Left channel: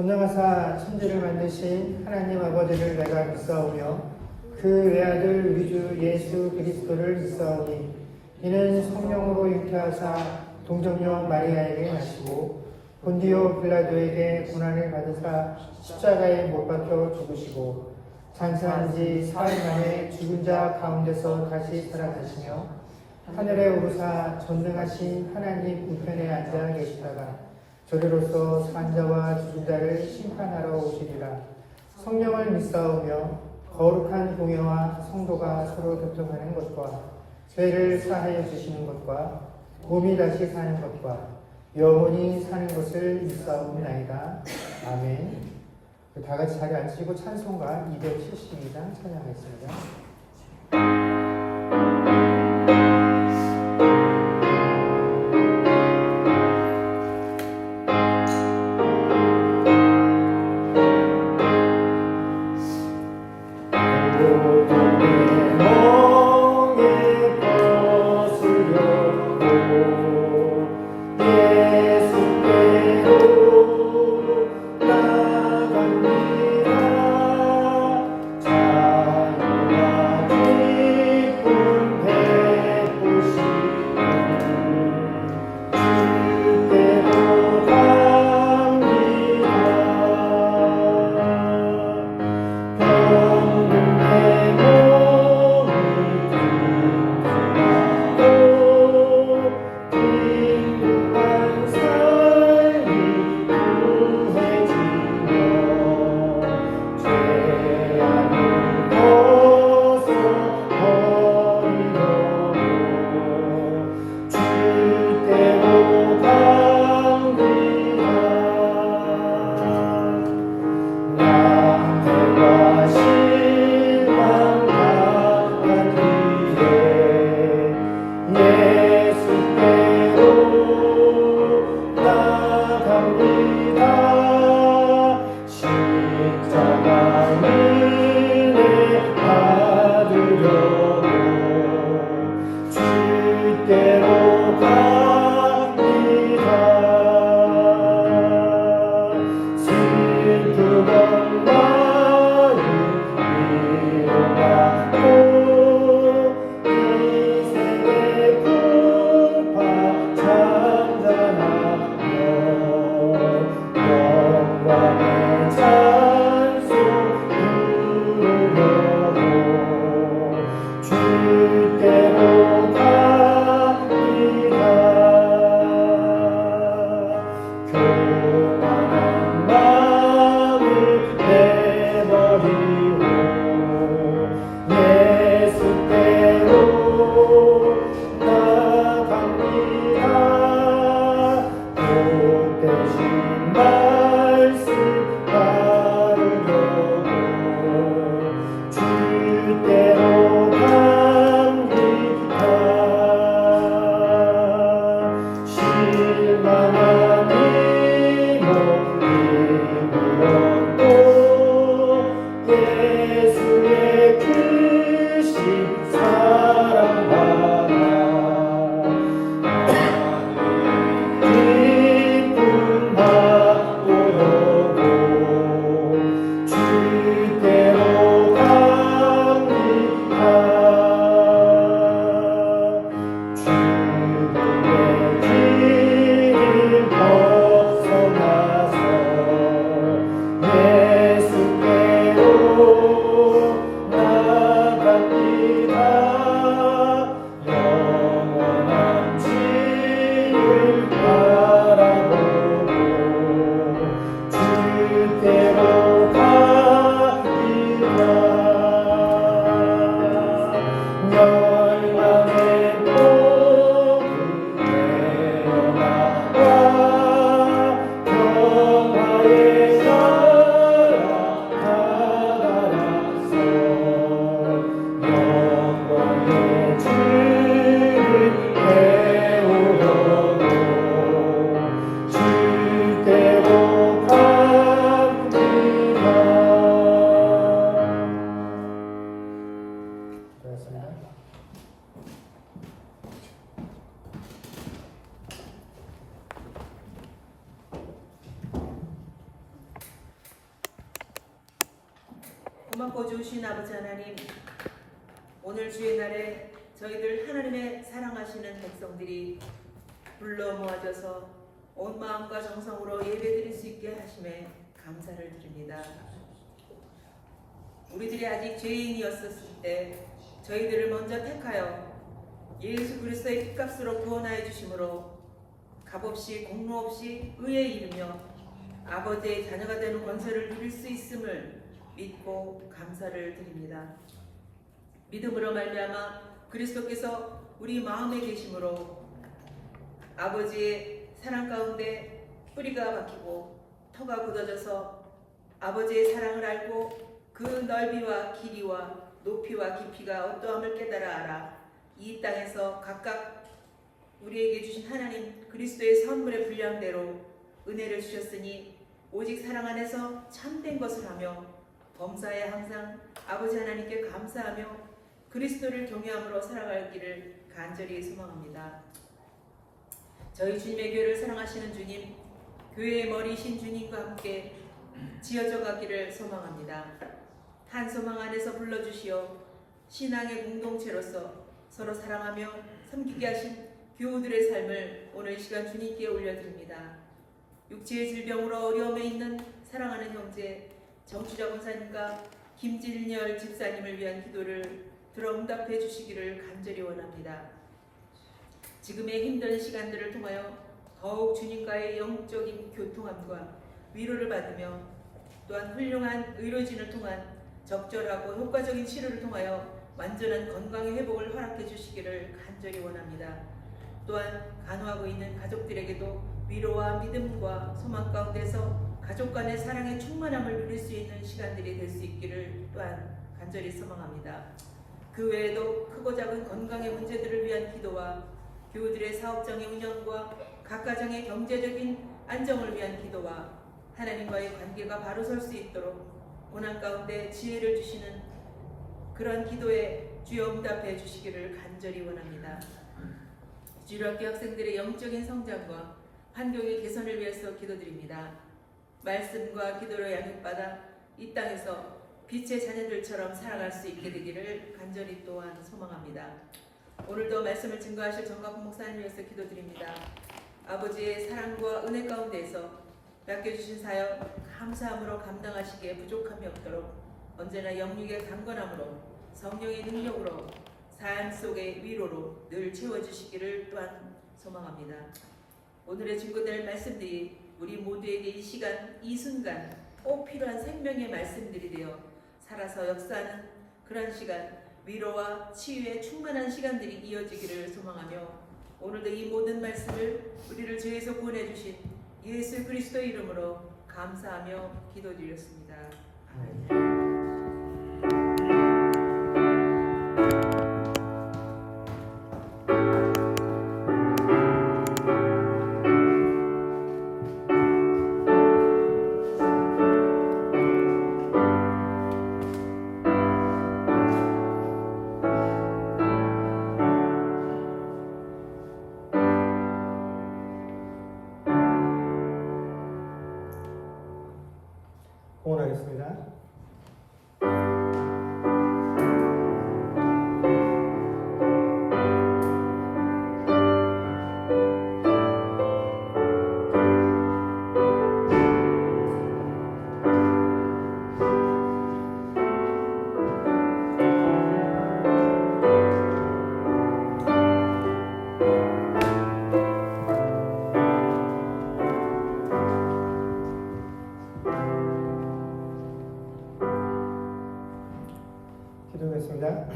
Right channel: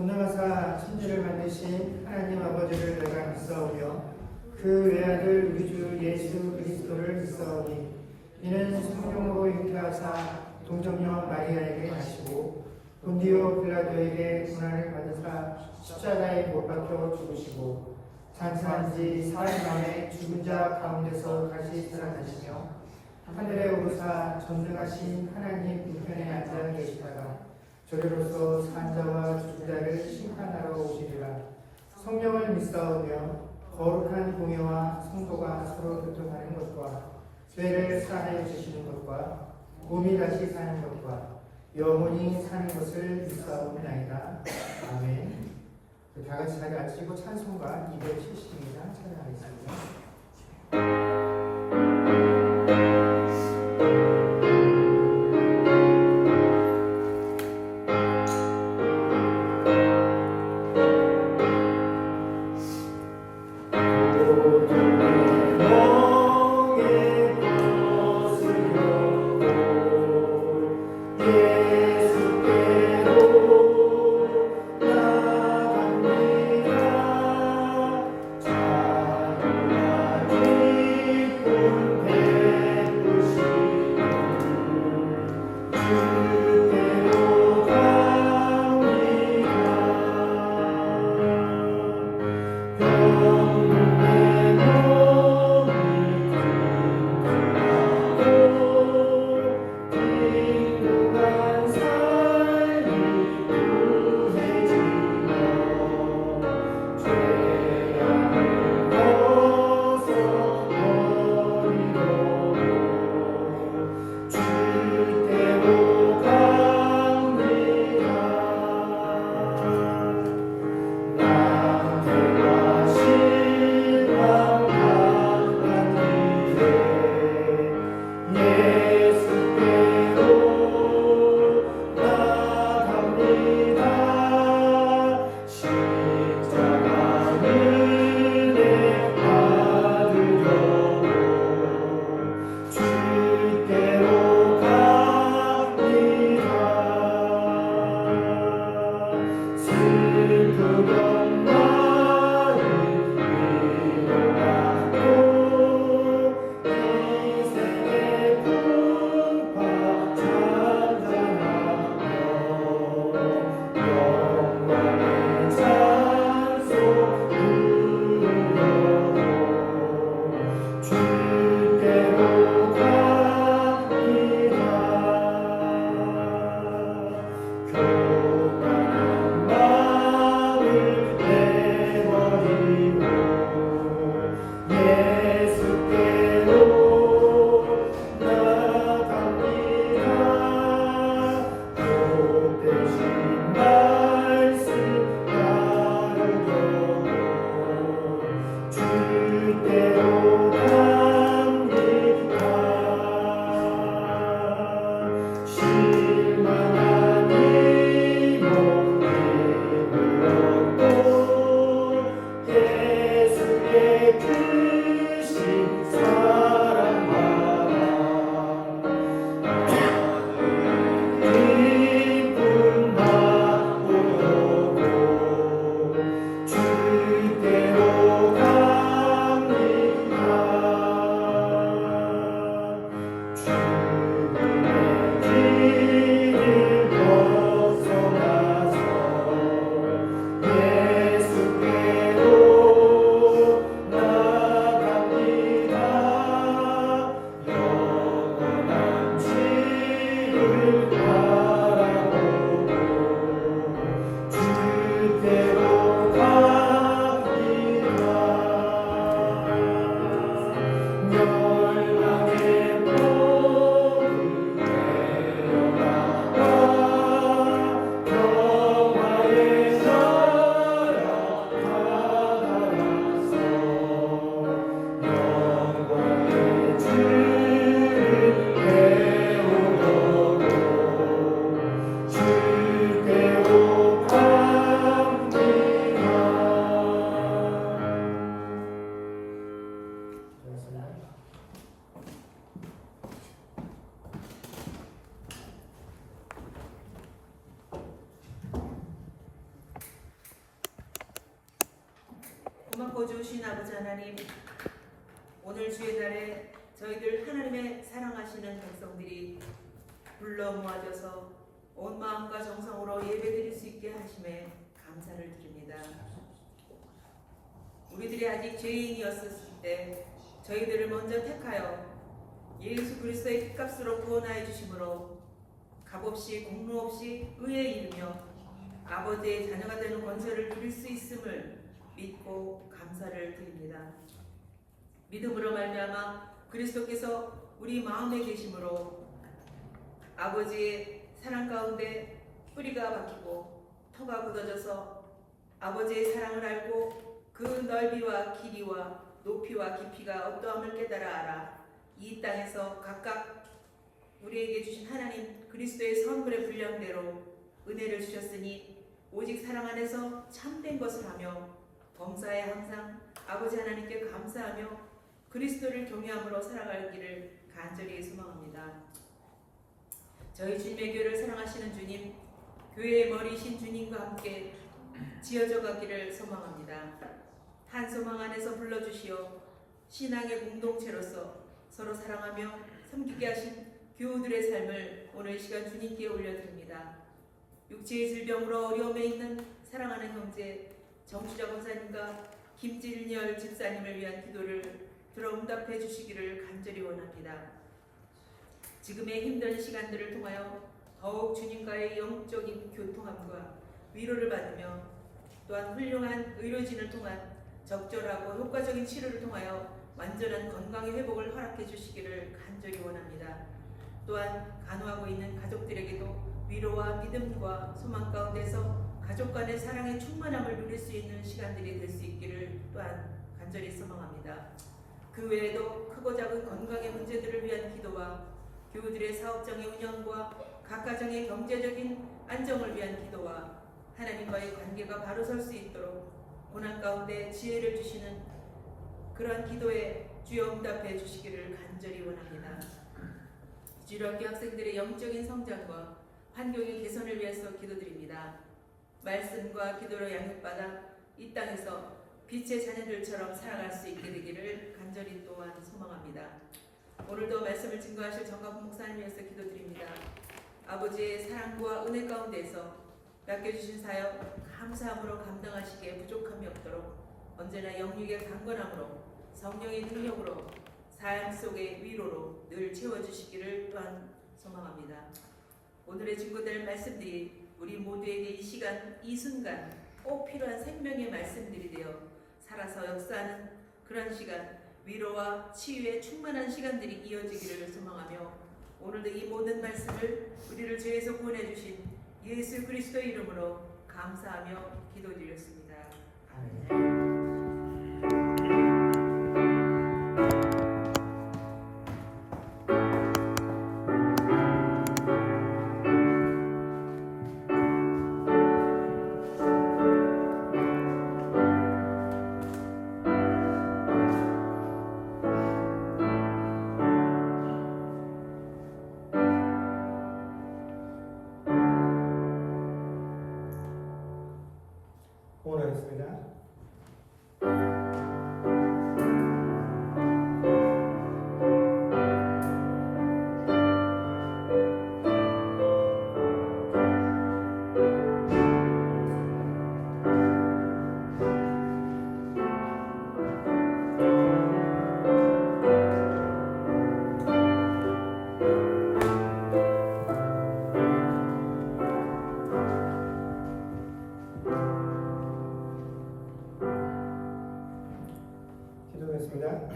전능하사 천지를 만드신 하나님 아버지를 내가 믿사오며 그 외아들 우리 주 예수 그리스도를 믿사오니 이는 성령으로 잉태하사 동정녀 마리아에게 나시고 본디오 빌라도에게 고난을 받으사 십자가에 못 박혀 죽으시고 장사한 지 4일 만에 죽은 자 가운데서 다시 살아나시며 하늘에 오르사 전능하신 하나님 우편에 앉아 계시다가 저리로서 산자와 죽은 자를 심판하러 오시리라. 성령을 믿사오며 거룩한 공예와 성도가 서로 교통하는 것과 죄를 사하여 주시는 것과 몸이 다시 사는 것과 영원히 사는 것을 믿사옵나이다. 아멘. 다 같이 자리 앉으시고 찬송가 270입니다. 찬양하겠습니다. 소망고 주신 아버지 하나님, 오늘 주의 날에 저희들 하나님의 사랑하시는 백성들이 불러 모아져서 온 마음과 정성으로 예배드릴 수 있게 하심에 감사를 드립니다. 우리들이 아직 죄인이었을 때 저희들을 먼저 택하여 예수 그리스도의 피값으로 구원하여 주심으로 값없이 공로 없이 의에 이르며 아버지의 자녀가 되는 권세를 누릴 수 있음을 믿고 감사를 드립니다. 믿음으로 말미암아 그리스도께서 우리 마음에 계심으로 아버지의 사랑 가운데 뿌리가 박히고 터가 굳어져서 아버지의 사랑을 알고 그 넓이와 길이와 높이와 깊이가 어떠함을 깨달아 알아 이 땅에서 각각 우리에게 주신 하나님 그리스도의 선물의 분량대로 은혜를 주셨으니 오직 사랑 안에서 참된 것을 하며 범사에 항상 아버지 하나님께 감사하며 그리스도를 경외함으로 살아가기를 간절히 소망합니다. 저희 주님의 교회를 사랑하시는 주님, 교회의 머리신 주님과 함께 지어져 가기를 소망합니다. 한 소망 안에서 불러주시어 신앙의 공동체로서 서로 사랑하며 섬기게 하신 교우들의 삶을 오늘 이 시간 주님께 올려드립니다. 육체의 질병으로 어려움에 있는 사랑하는 형제 정추자 권사님과 김진열 집사님을 위한 기도를 들어 응답해 주시기를 간절히 원합니다. 지금의 힘든 시간들을 통하여 더욱 주님과의 영적인 교통함과 위로를 받으며 또한 훌륭한 의료진을 통한 적절하고 효과적인 치료를 통하여 완전한 건강의 회복을 허락해 주시기를 간절히 원합니다. 또한 간호하고 있는 가족들에게도 위로와 믿음과 소망 가운데서 가족 간의 사랑의 충만함을 누릴 수 있는 시간들이 될 수 있기를 또한 간절히 소망합니다. 그 외에도 크고 작은 건강의 문제들을 위한 기도와 교우들의 사업장의 운영과 각 가정의 경제적인 안정을 위한 기도와 하나님과의 관계가 바로 설 수 있도록 고난 가운데 지혜를 주시는 그러한 기도에 주여 응답해 주시기를 간절히 원합니다. 주일학교 학생들의 영적인 성장과 환경의 개선을 위해서 기도드립니다. 말씀과 기도로 양육받아 이 땅에서 빛의 자녀들처럼 살아갈 수 있게 되기를 간절히 또한 소망합니다. 오늘도 말씀을 증거하실 정갑훈 목사님 위해서 기도드립니다. 아버지의 사랑과 은혜 가운데서 맡겨주신 사역 감사함으로 감당하시기에 부족함이 없도록 언제나 영육의 강건함으로 성령의 능력으로 삶 속의 위로로 늘 채워주시기를 또한 소망합니다. 오늘의 증거될 말씀들이 우리 모두에게 이 시간, 이 순간 꼭 필요한 생명의 말씀들이 되어 살아서 역사하는 그런 시간, 위로와 치유의 충만한 시간들이 이어지기를 소망하며 오늘도 이 모든 말씀을 우리를 죄에서 구원해 주신 예수 그리스도의 이름으로 감사하며 기도드렸습니다. 응원하겠습니다. 기도하겠습니다.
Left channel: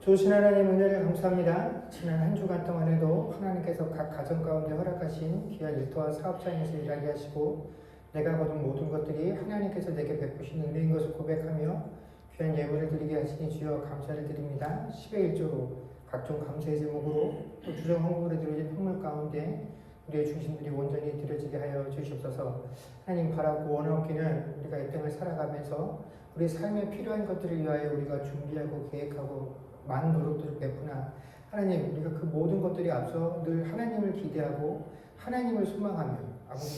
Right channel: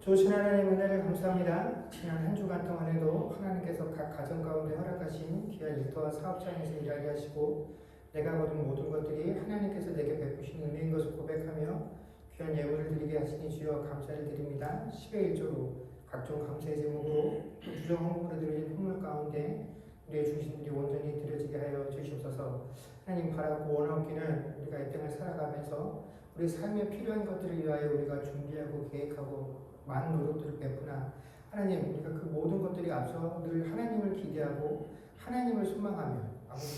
좋으신 하나님 은혜를 감사합니다. 지난 한 주간 동안에도 하나님께서 각 가정 가운데 허락하신 귀한 일터와 사업장에서 일하게 하시고 내가 거둔 모든 것들이 하나님께서 내게 베푸신 은혜인 것을 고백하며 귀한 예물을 드리게 하시니 주여 감사를 드립니다. 10의 1조로 각종 감사의 제목으로 또 주정 헌금으로 드려진 선물 가운데 우리의 중심들이 온전히 드려지게 하여 주시옵소서. 하나님 바라고 원하옵기는 우리가 이 땅을 살아가면서 우리 삶에 필요한 것들을 위하여 우리가 준비하고 계획하고 많은 노력들을 베푸나 하나님 우리가 그 모든 것들이 앞서 늘 하나님을 기대하고 하나님을 소망하며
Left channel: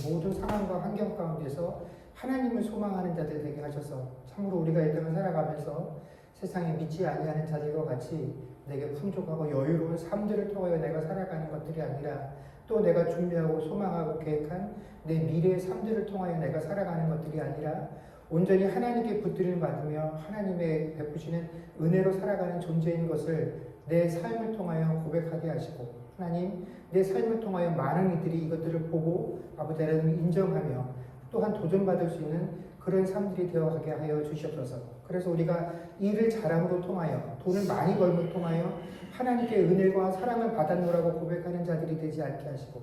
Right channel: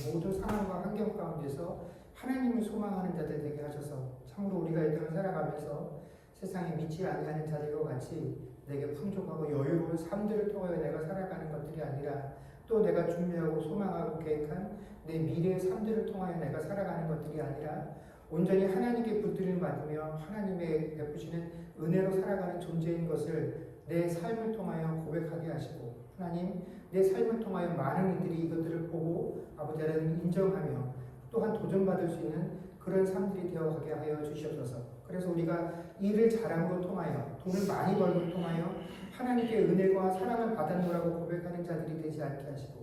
모든 상황과 환경 가운데서 하나님을 소망하는 자들 되게 하셔서 참으로 우리가 이 땅을 살아가면서 세상에 믿지 아니하는 자들과 같이 내게 풍족하고 여유로운 삶들을 통하여 내가 살아가는 것들이 아니라 또 내가 준비하고 소망하고 계획한 내 미래의 삶들을 통하여 내가 살아가는 것들이 아니라 온전히 하나님께 붙들림 받으며 하나님의 베푸시는 은혜로 살아가는 존재인 것을 내 삶을 통하여 고백하게 하시고 하나님 내 삶을 통하여 많은 이들이 이것들을 보고 아버지 하나님을 인정하며 또한 도전받을 수 있는 그런 삶들이 되어가게 하여 주시옵소서. 그래서 우리가 일을 잘함으로 통하여 돈을 많이 벌므로 통하여 하나님께 은혜와 사랑을 받았노라고 고백하는 자들이 되지 않게 하시고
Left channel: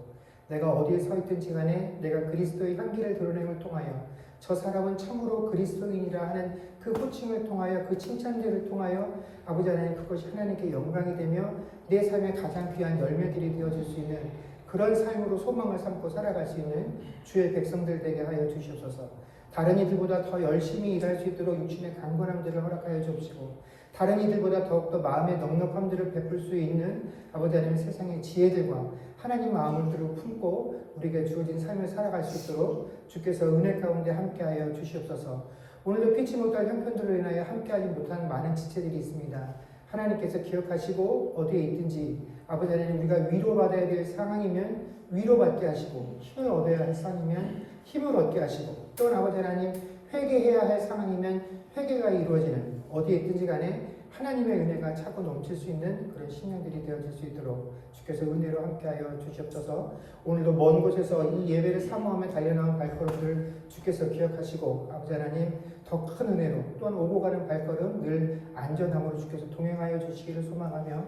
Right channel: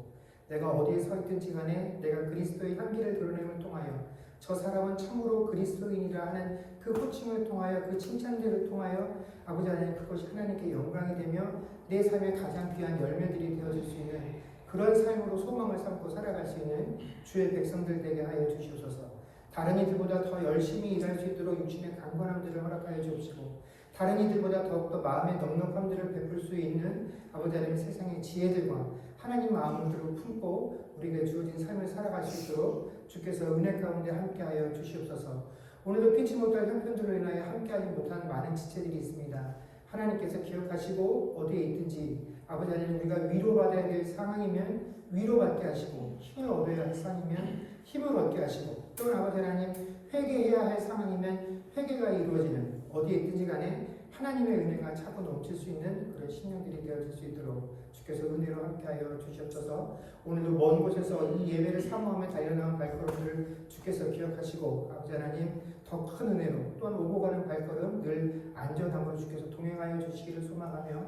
내가 어디에 서 있든지 간에 내가 그리스도의 향기를 드러냄을 통하여 저 사람은 참으로 그리스도인이라 하는 그 호칭을 통하여 그 칭찬들을 통하여 아버지 하나님 그것이 하나님께 영광이 되며 내 삶의 가장 귀한 열매들이 되어질 수 있는 그런 삶으로 소망을 삼고 살아갈 수 있는 주의 백성들 되게 하여 주시옵소서. 다른 이들보다 더 열심히 일할 수 있도록 육신의 강건함들을 허락하여 주시고 다른 이들보다 더욱더 마음의 넉넉함들을 베풀 수 있는 아버지 하나님 세상의 지혜들과 하나님 마음을 들어 품고 우리에게 주어진 삶을 살아갈 수 있도록 주께서 은혜 가운데 함께하여 주시옵소서. 오늘도 피치 못할 형편들로 인하여 함께하지 못하는 많은 지체들이 있습니다. 하나님께서 기억하시고 어디에 있든지 아버지 하나님 우리가 위로받아야 될 상황이면 위로받게 하시고 힘을 얻어야 할 상황이면 힘을 얻게 하시고 또 아버지 하나님 회개해야 할 상황이면 회개가 이루어지는 어디에 있든지 간에 하나님의 은혜가 차고 넘칠 수 있는 그런 신령들이 되어질 수 있도록 주께서 은혜로 함께하여 주시옵소서. 오늘도 먼 곳에서 이 예배를 사모하며 달려나온 발걸음들을 주께서 기억하시고 아버지 하나님 더 큰 은혜로 또한 오고 가는 발걸음 늘 안전함으로 주께서 동행하여 주시기를 소망하며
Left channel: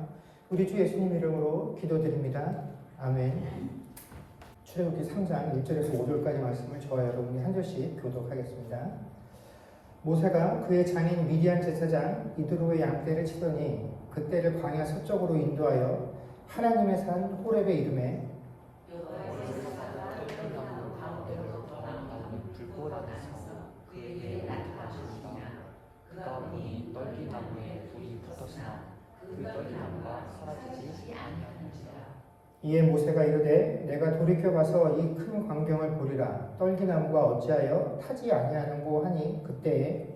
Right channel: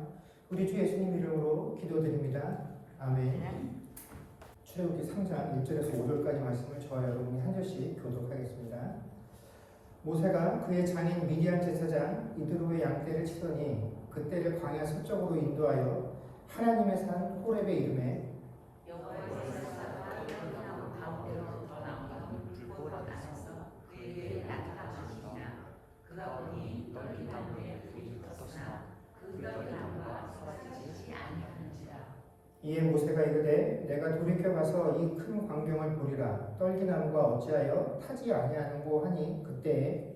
우리 주 예수님 이름으로 기도드립니다. 아멘. 출애굽기 3장 1절에서 5절까지 말씀을 저와 여러분이 한 절씩 교독하겠습니다. 모세가 그의 장인 미디안 제사장 이드로의 양떼를 치더니 그떼를 광야 서쪽으로 인도하여 하나님의 산 호렙에 이르매 이에 모세가 이르되 내가 돌이켜 가서 이 큰 광경을 보리라 떨기나무가 어찌하여 타지 아니하는고 하니 그때에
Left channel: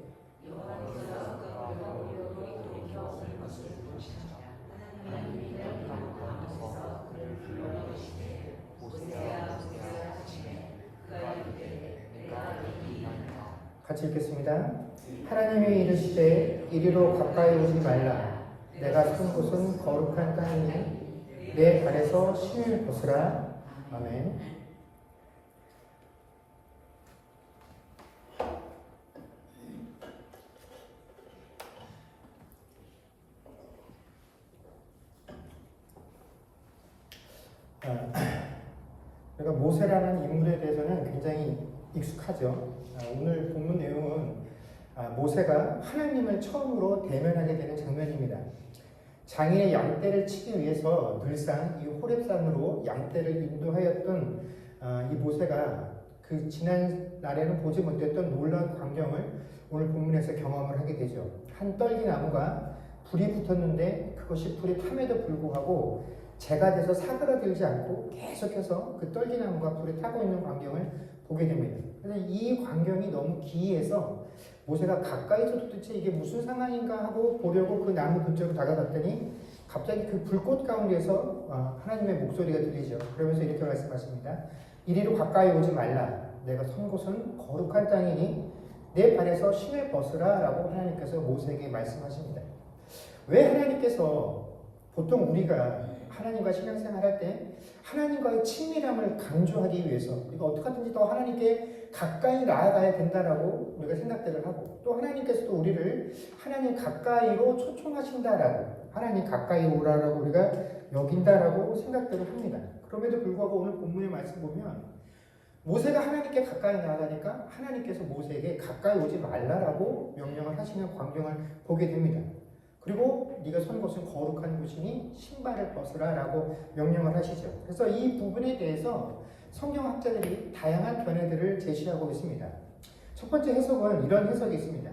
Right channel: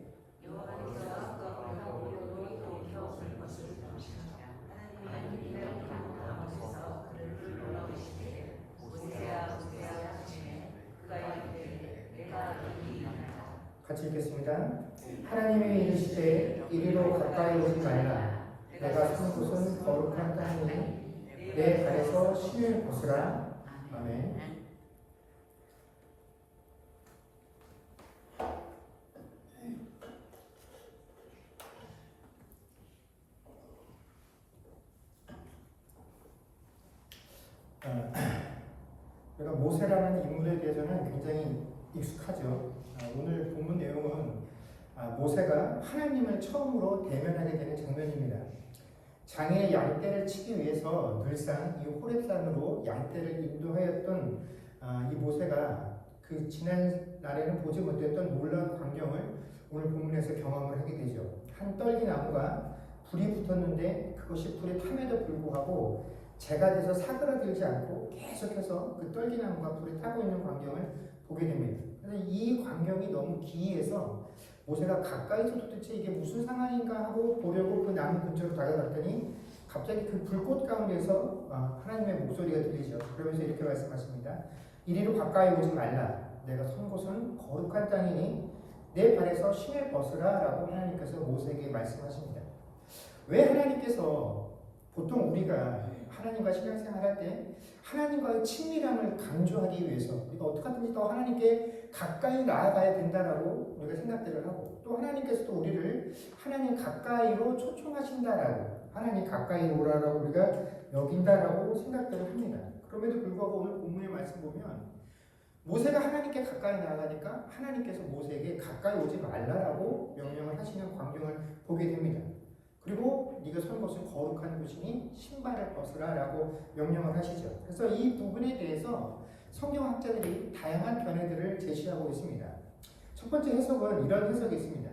같이 읽겠습니다. 하나님이 이르시되 이리로 가까이 오지 말라 내가 선 곳은 거룩한 땅이니 내 발에서 신을 벗으라. 아멘. 우리가 모세라는 인물에 대해서는 굉장히 익숙하죠. 오늘 본문 내용은 모세가 하나님을 처음으로 대면하게 되는 장면입니다. 장인의 양떼를 치기 위해서 늘상 이 호렙산으로 양떼를 인도하였던 이 모세가 그 지난 날에는 보지 못했던 놀라운 광경을 오늘 본문에서 경험을 하게 되죠. 한 떨기나무가 불이 붙었는데 그것이 불이 탐에도 불구하고 재가 돼서 사그라들지 않고 계속해서 그 떨기나무가 불에 타고 있는 광경을 보게 됩니다. 그래서 이 광경이 너무 기이해서 모세가 가까이서 도대체 이게 무슨 상황인가 하고 보려고 그 나무 근처로 다가갔더니 갑자기 그 불꽃 가운데서 하나님의 목소리가 들리죠. 그러면서 이렇게 말씀하십니다. 이리로 가까이 오지 말라. 내가 선 곳은 거룩한 땅이니 내 발에서 신을 벗으라 라고 하나님께서 모세에게 말씀하십니다. 왜 하나님께서 보통 우리가 하나님과 신앙생활할 때 하나님과의 친밀함을 강조하기 위해서 우리가 어떻게 하든지 더 하나님께 가까이 나아가야 된다라고 우리가 생각들을 하고 또 하나님께서도 우리를 하나님 가까이로 초청하신다라고 하나님 가까이 오라라고 우리가 여긴다라고 생각들을 합니다. 그럼에도 불구하고 오늘 본문의 말씀 보면 모세가 하나님께 가까이 나아가니까 하나님께서 모세에게 가까이 오지 말라라고 명령을 하시는 광경을 보게 됩니다. 그리고 네가 선 곳은 거룩한 곳이니 신발을 벗으라 라고 명령을 하시죠. 그래서 이 부분에 대해서 성경학자들이 다양한 견해들을 제시하고 있습니다. 첫 번째 해석은 이런 해석이 있습니다.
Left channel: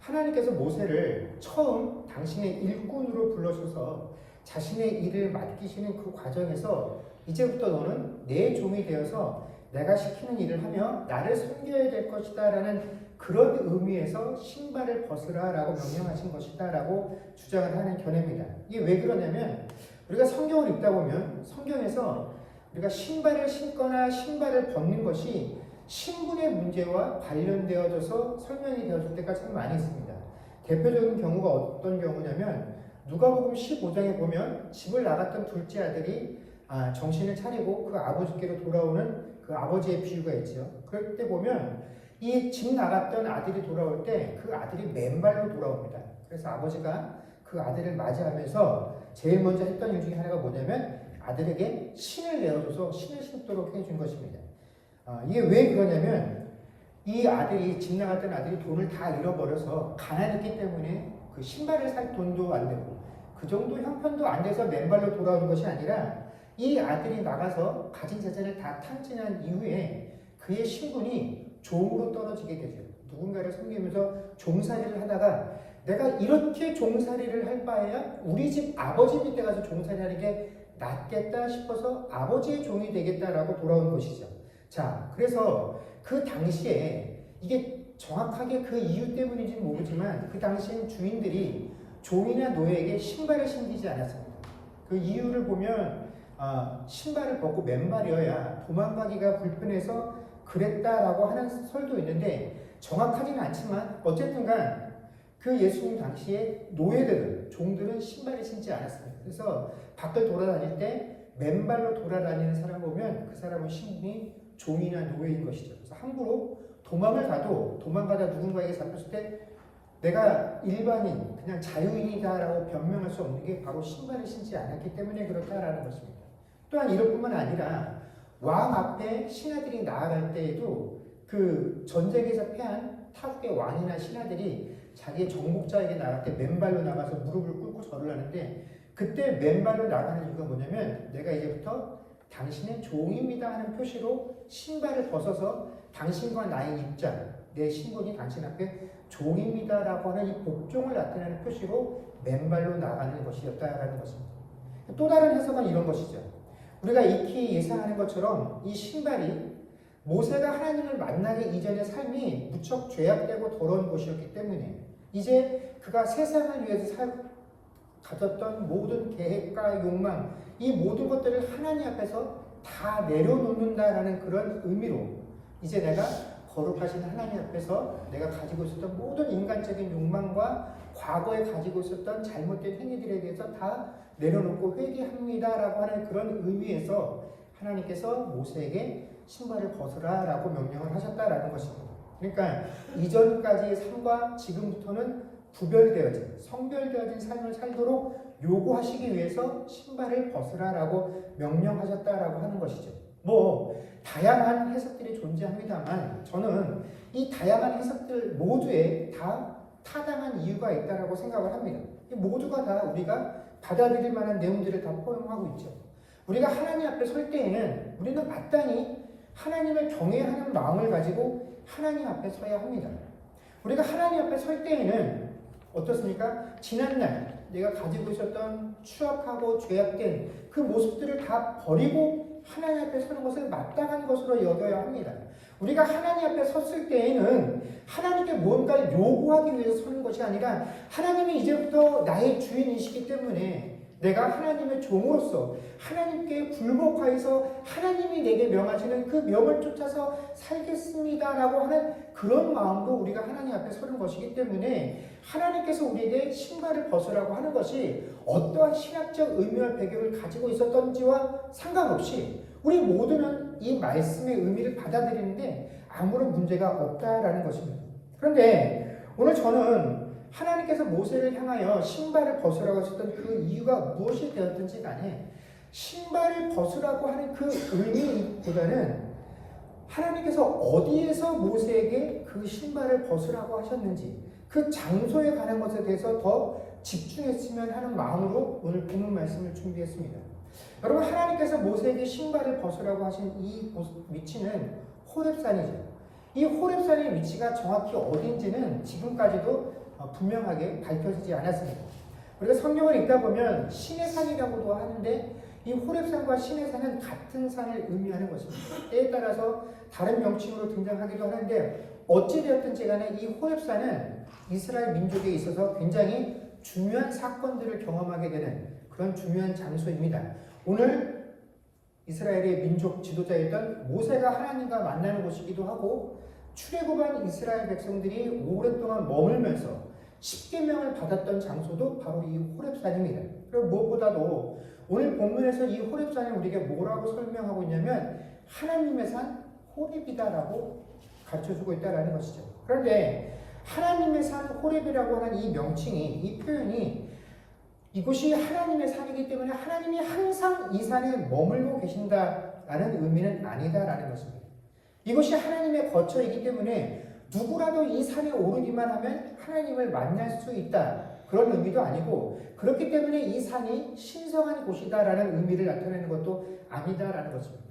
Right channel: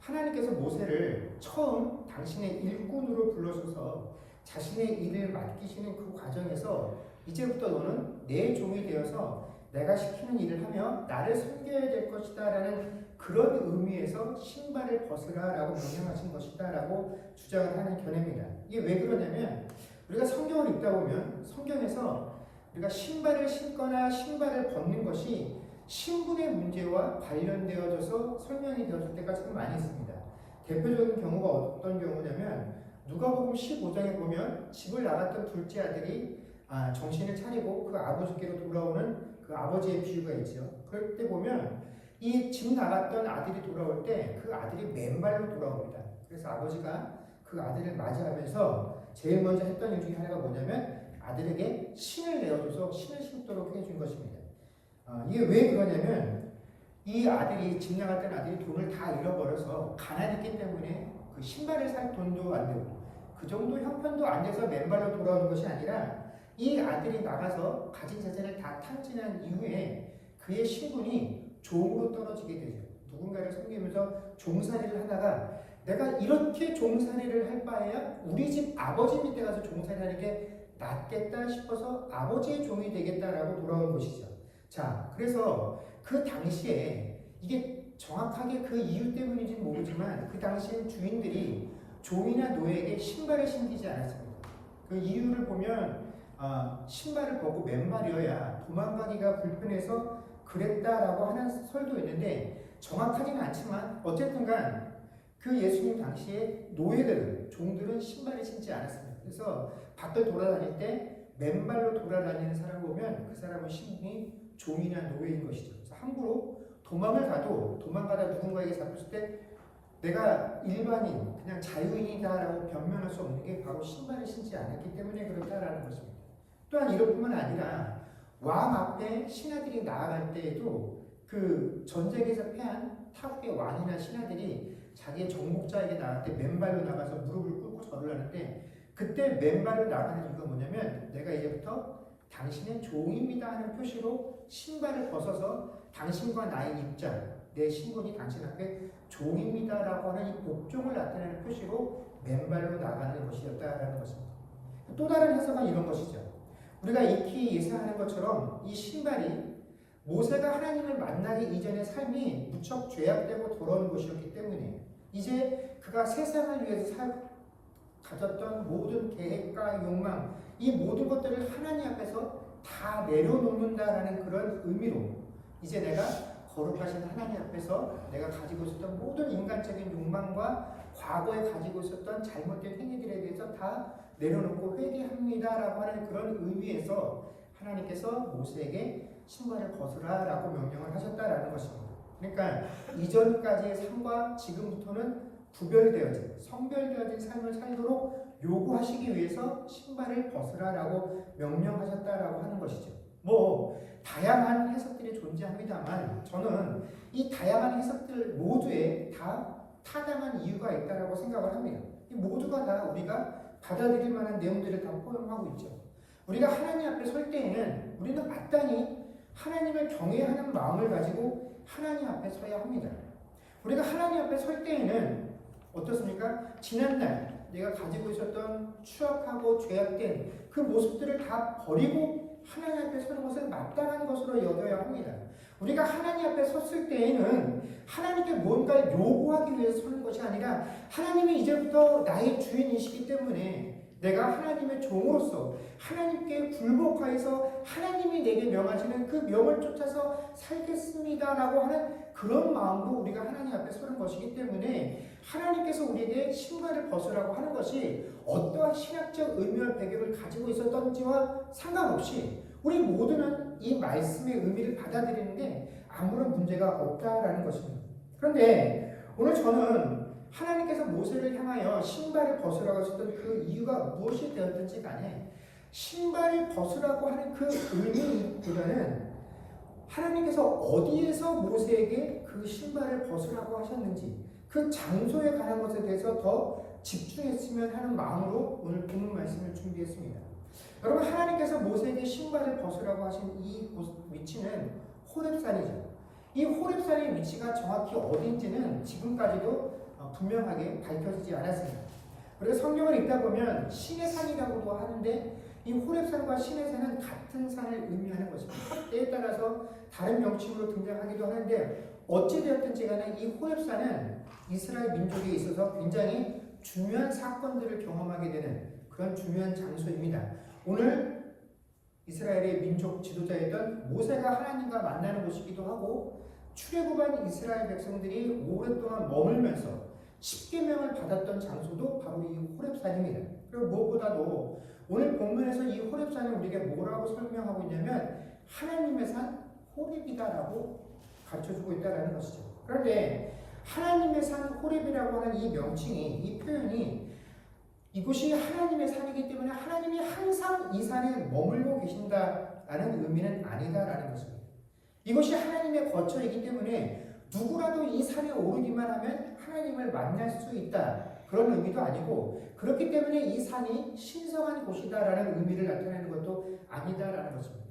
하나님께서 모세를 처음 당신의 일꾼으로 불러셔서 자신의 일을 맡기시는 그 과정에서 이제부터 너는 내 종이 되어서 내가 시키는 일을 하며 나를 섬겨야 될 것이다 라는 그런 의미에서 신발을 벗으라 라고 명령하신 것이다 라고 주장을 하는 견해입니다. 이게 왜 그러냐면 우리가 성경을 읽다 보면 성경에서 우리가 신발을 신거나 신발을 벗는 것이 신분의 문제와 관련되어져서 설명이 되어질 때가 참 많이 있습니다. 대표적인 경우가 어떤 경우냐면 누가복음 15장에 보면 집을 나갔던 둘째 아들이 정신을 차리고 그 아버지께로 돌아오는 그 아버지의 비유가 있죠. 그럴 때 보면 이 집 나갔던 아들이 돌아올 때 그 아들이 맨발로 돌아옵니다. 그래서 아버지가 그 아들을 맞이하면서 제일 먼저 했던 일 중에 하나가 뭐냐면 아들에게 신을 내어줘서 신을 신도록 해준 것입니다. 이게 왜 그러냐면 이 아들이 집 나갔던 아들이 돈을 다 잃어버려서 가난했기 때문에 그 신발을 살 돈도 안 되고 그 정도 형편도 안 돼서 맨발로 돌아오는 것이 아니라 이 아들이 나가서 가진 재산을 다 탕진한 이후에 그의 신분이 종으로 떨어지게 되죠. 누군가를 섬기면서 종살이를 하다가 내가 이렇게 종살이를 할 바에야 우리 집 아버지 밑에 가서 종살이하는 게 낫겠다 싶어서 아버지의 종이 되겠다라고 돌아온 것이죠. 자, 그래서 그 당시에 이게 정확하게 그 이유 때문인지는 모르지만 그 당시엔 주인들이 종이나 노예에게 신발을 신기지 않았습니다. 그 이유를 보면 신발을 벗고 맨발이어야 도망가기가 불편해서 그랬다라고 하는 설도 있는데 정확하지는 않지만 어쨌든간 그 예수님 당시에 노예들은 종들은 신발을 신지 않았습니다. 그래서 밖을 돌아다닐 때 맨발로 돌아다니는 사람 보면 그 사람의 신분이 종이나 노예인 것이죠. 그래서 함부로 도망을 가도 도망가다 누군가에게 잡혔을 때 내가 일반인, 그냥 자유인이다라고 변명할 수 없는 게 바로 신발을 신지 않았기 때문에 그렇다라는 것입니다. 또한 이것뿐만 아니라 왕 앞에 신하들이 나아갈 때에도 그 전쟁에서 패한 타국의 왕이나 신하들이 자기의 정복자에게 나갈 때 맨발로 나가서 무릎을 꿇고 절을 하는데 그때 맨발로 나가는 이유가 뭐냐면 내가 이제부터 당신의 종입니다 하는 표시로 신발을 벗어서 당신과 나의 입장, 내 신분이 당신 앞에 종입니다라고 하는 이 복종을 나타내는 표시로 맨발로 나가는 것이었다라는 것입니다. 또 다른 해석은 이런 것이죠. 우리가 익히 예상하는 것처럼 이 신발이 모세가 하나님을 만나기 이전의 삶이 무척 죄악되고 더러운 것이었기 때문에 이제 그가 세상을 위해서 가졌던 모든 계획과 욕망, 이 모든 것들을 하나님 앞에서 다 내려놓는다라는 그런 의미로 이제 내가 거룩하신 하나님 앞에서 내가 가지고 있었던 모든 인간적인 욕망과 과거에 가지고 있었던 잘못된 행위들에 대해서 다 내려놓고 회개합니다라고 하는 그런 의미에서 하나님께서 모세에게 신발을 벗으라라고 명령을 하셨다라는 것입니다. 그러니까 이전까지의 삶과 지금부터는 구별되어진, 성별되어진 삶을 살도록 요구하시기 위해서 신발을 벗으라라고 명령하셨다라고 하는 것이죠. 다양한 해석들이 존재합니다만 저는 이 다양한 해석들 모두에 다 타당한 이유가 있다라고 생각을 합니다. 모두가 다 우리가 받아들일 만한 내용들을 다 포용하고 있죠. 우리가 하나님 앞에 설 때에는 우리는 마땅히 하나님을 경외하는 마음을 가지고 하나님 앞에 서야 합니다. 우리가 하나님 앞에 설 때에는 어떻습니까? 지난날 내가 가지고 있었던 추악하고 죄악된 그 모습들을 다 버리고 하나님 앞에 서는 것을 마땅한 것으로 여겨야 합니다. 우리가 하나님 앞에 섰을 때에는 하나님께 뭔가를 요구하기 위해서 서는 것이 아니라 하나님이 이제부터 나의 주인이시기 때문에 내가 하나님의 종으로서 하나님께 굴복하여서 하나님이 내게 명하시는 그 명을 쫓아서 살겠습니다라고 하는 그런 마음으로 우리가 하나님 앞에 서는 것이기 때문에 하나님께서 우리에게 신발을 벗으라고 하는 것이 어떠한 신학적 의미와 배경을 가지고 있었던지와 상관없이 우리 모두는 이 말씀의 의미를 받아들이는데 아무런 문제가 없다라는 것입니다. 그런데 오늘 저는 하나님께서 모세를 향하여 신발을 벗으라고 하셨던 그 이유가 무엇이 되었든지 간에 신발을 벗으라고 하는 그 의미보다는 하나님께서 어디에서 모세에게 그 신발을 벗으라고 하셨는지 그 장소에 관한 것에 대해서 더 집중했으면 하는 마음으로 오늘 본문 말씀을 준비했습니다. 여러분, 하나님께서 모세에게 신발을 벗으라고 하신 이 위치는 호렙산이죠. 이 호렙산의 위치가 정확히 어딘지는 지금까지도 분명하게 밝혀지지 않았습니다. 우리가 성경을 읽다 보면 신의 산이라고도 하는데 이 호렙산과 신의 산은 같은 산을 의미하는 것입니다. 때에 따라서 다른 명칭으로 등장하기도 하는데 어찌되었든지 간에 이 호렙산은 이스라엘 민족에 있어서 굉장히 중요한 사건들을 경험하게 되는 그런 중요한 장소입니다. 오늘 이스라엘의 민족 지도자였던 모세가 하나님과 만나는 곳이기도 하고 출애굽한 이스라엘 백성들이 오랫동안 머물면서 십계명을 받았던 장소도 바로 이 호렙산입니다. 그리고 무엇보다도 오늘 본문에서 이 호렙산을 우리에게 뭐라고 설명하고 있냐면 하나님의 산 호렙이다라고 가르쳐주고 있다는 것이죠. 그런데 하나님의 산 호렙이라고 하는 이 명칭이, 이 표현이 이곳이 하나님의 산이기 때문에 하나님이 항상 이 산에 머물고 계신다라는 의미는 아니다라는 것입니다. 이곳이 하나님의 거처이기 때문에 누구라도 이 산에 오르기만 하면 하나님을 만날 수 있다. 그런 의미도 아니고 그렇기 때문에 이 산이 신성한 곳이다라는 의미를 나타내는 것도 아니다라는 것입니다.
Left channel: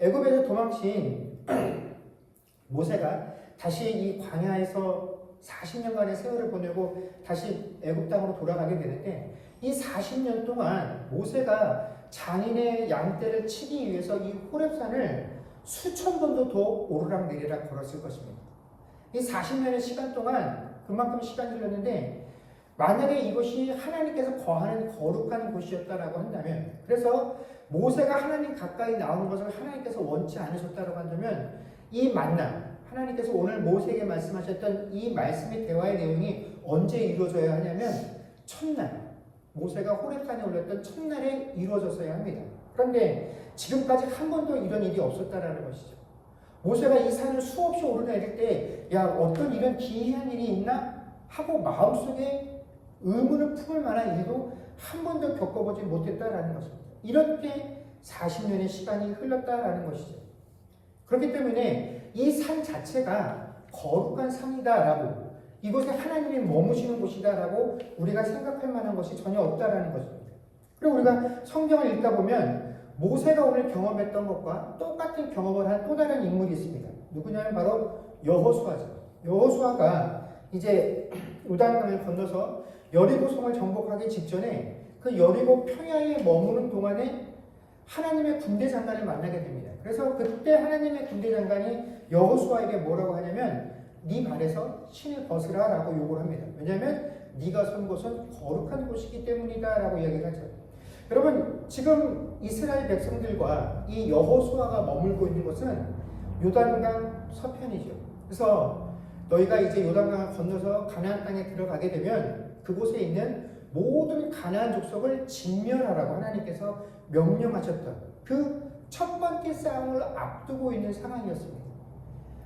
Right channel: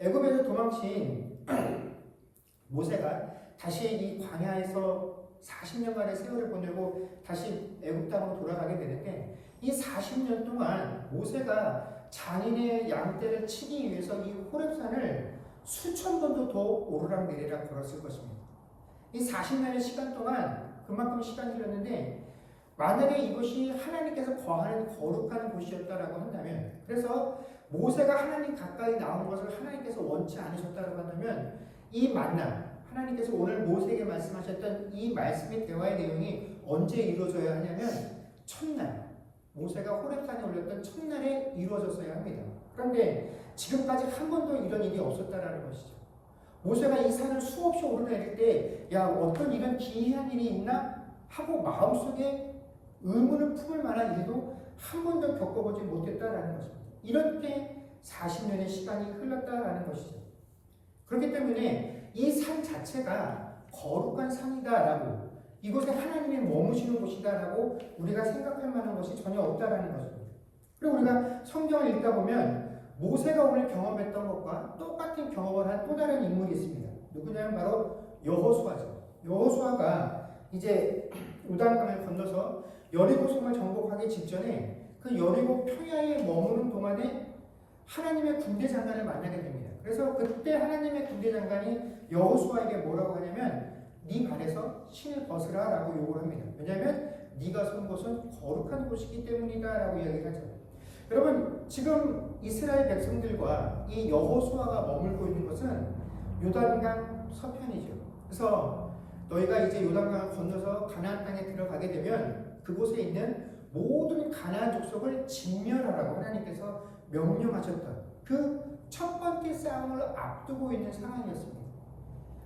애굽에서 도망친 모세가 다시 이 광야에서 40년간의 세월을 보내고 다시 애굽 땅으로 돌아가게 되는데 이 40년 동안 모세가 장인의 양떼를 치기 위해서 이 호렙산을 수천 번도 더 오르락내리락 걸었을 것입니다. 이 40년의 시간 동안 그만큼 시간이 흘렀는데 만약에 이것이 하나님께서 거하는 거룩한 곳이었다라고 한다면 그래서 모세가 하나님 가까이 나오는 것을 하나님께서 원치 않으셨다라고 한다면 이 만남 하나님께서 오늘 모세에게 말씀하셨던 이 말씀의 대화의 내용이 언제 이루어져야 하냐면 첫날 모세가 호렙산에 올렸던 첫날에 이루어졌어야 합니다. 그런데 지금까지 한 번도 이런 일이 없었다라는 것이죠. 모세가 이 산을 수없이 오르내릴 때 야 어떤 이런 기이한 일이 있나 하고 마음속에 의문을 품을 만한 일도 한 번도 겪어보지 못했다라는 것입니다. 이렇게 40년의 시간이 흘렀다라는 것이죠. 그렇기 때문에 이 산 자체가 거룩한 산이다라고 이곳에 하나님이 머무시는 곳이다라고 우리가 생각할 만한 것이 전혀 없다라는 것입니다. 그리고 우리가 성경을 읽다 보면 모세가 오늘 경험했던 것과 똑같은 경험을 한 또 다른 인물이 있습니다. 누구냐면 바로 여호수아죠. 여호수아가 이제 요단강을 건너서 여리고성을 정복하기 직전에 그 여리고 평야에 머무는 동안에 하나님의 군대 장관을 만나게 됩니다. 그래서 그때 하나님의 군대 장관이 여호수아에게 뭐라고 하냐면 네 발에서 신을 벗으라라고 요구를 합니다. 왜냐하면 네가 선 곳은 거룩한 곳이기 때문이다라고 이야기를 하죠. 여러분 지금 이스라엘 백성들과 이 여호수아가 머물고 있는 곳은 요단강 서편이죠. 그래서 너희가 이제 요단강을 건너서 가나안 땅에 들어가게 되면 그곳에 있는 모든 가나안 족속을 진멸하라고 하나님께서 명령하셨던 그 첫 번째 싸움을 앞두고 있는 상황이었습니다.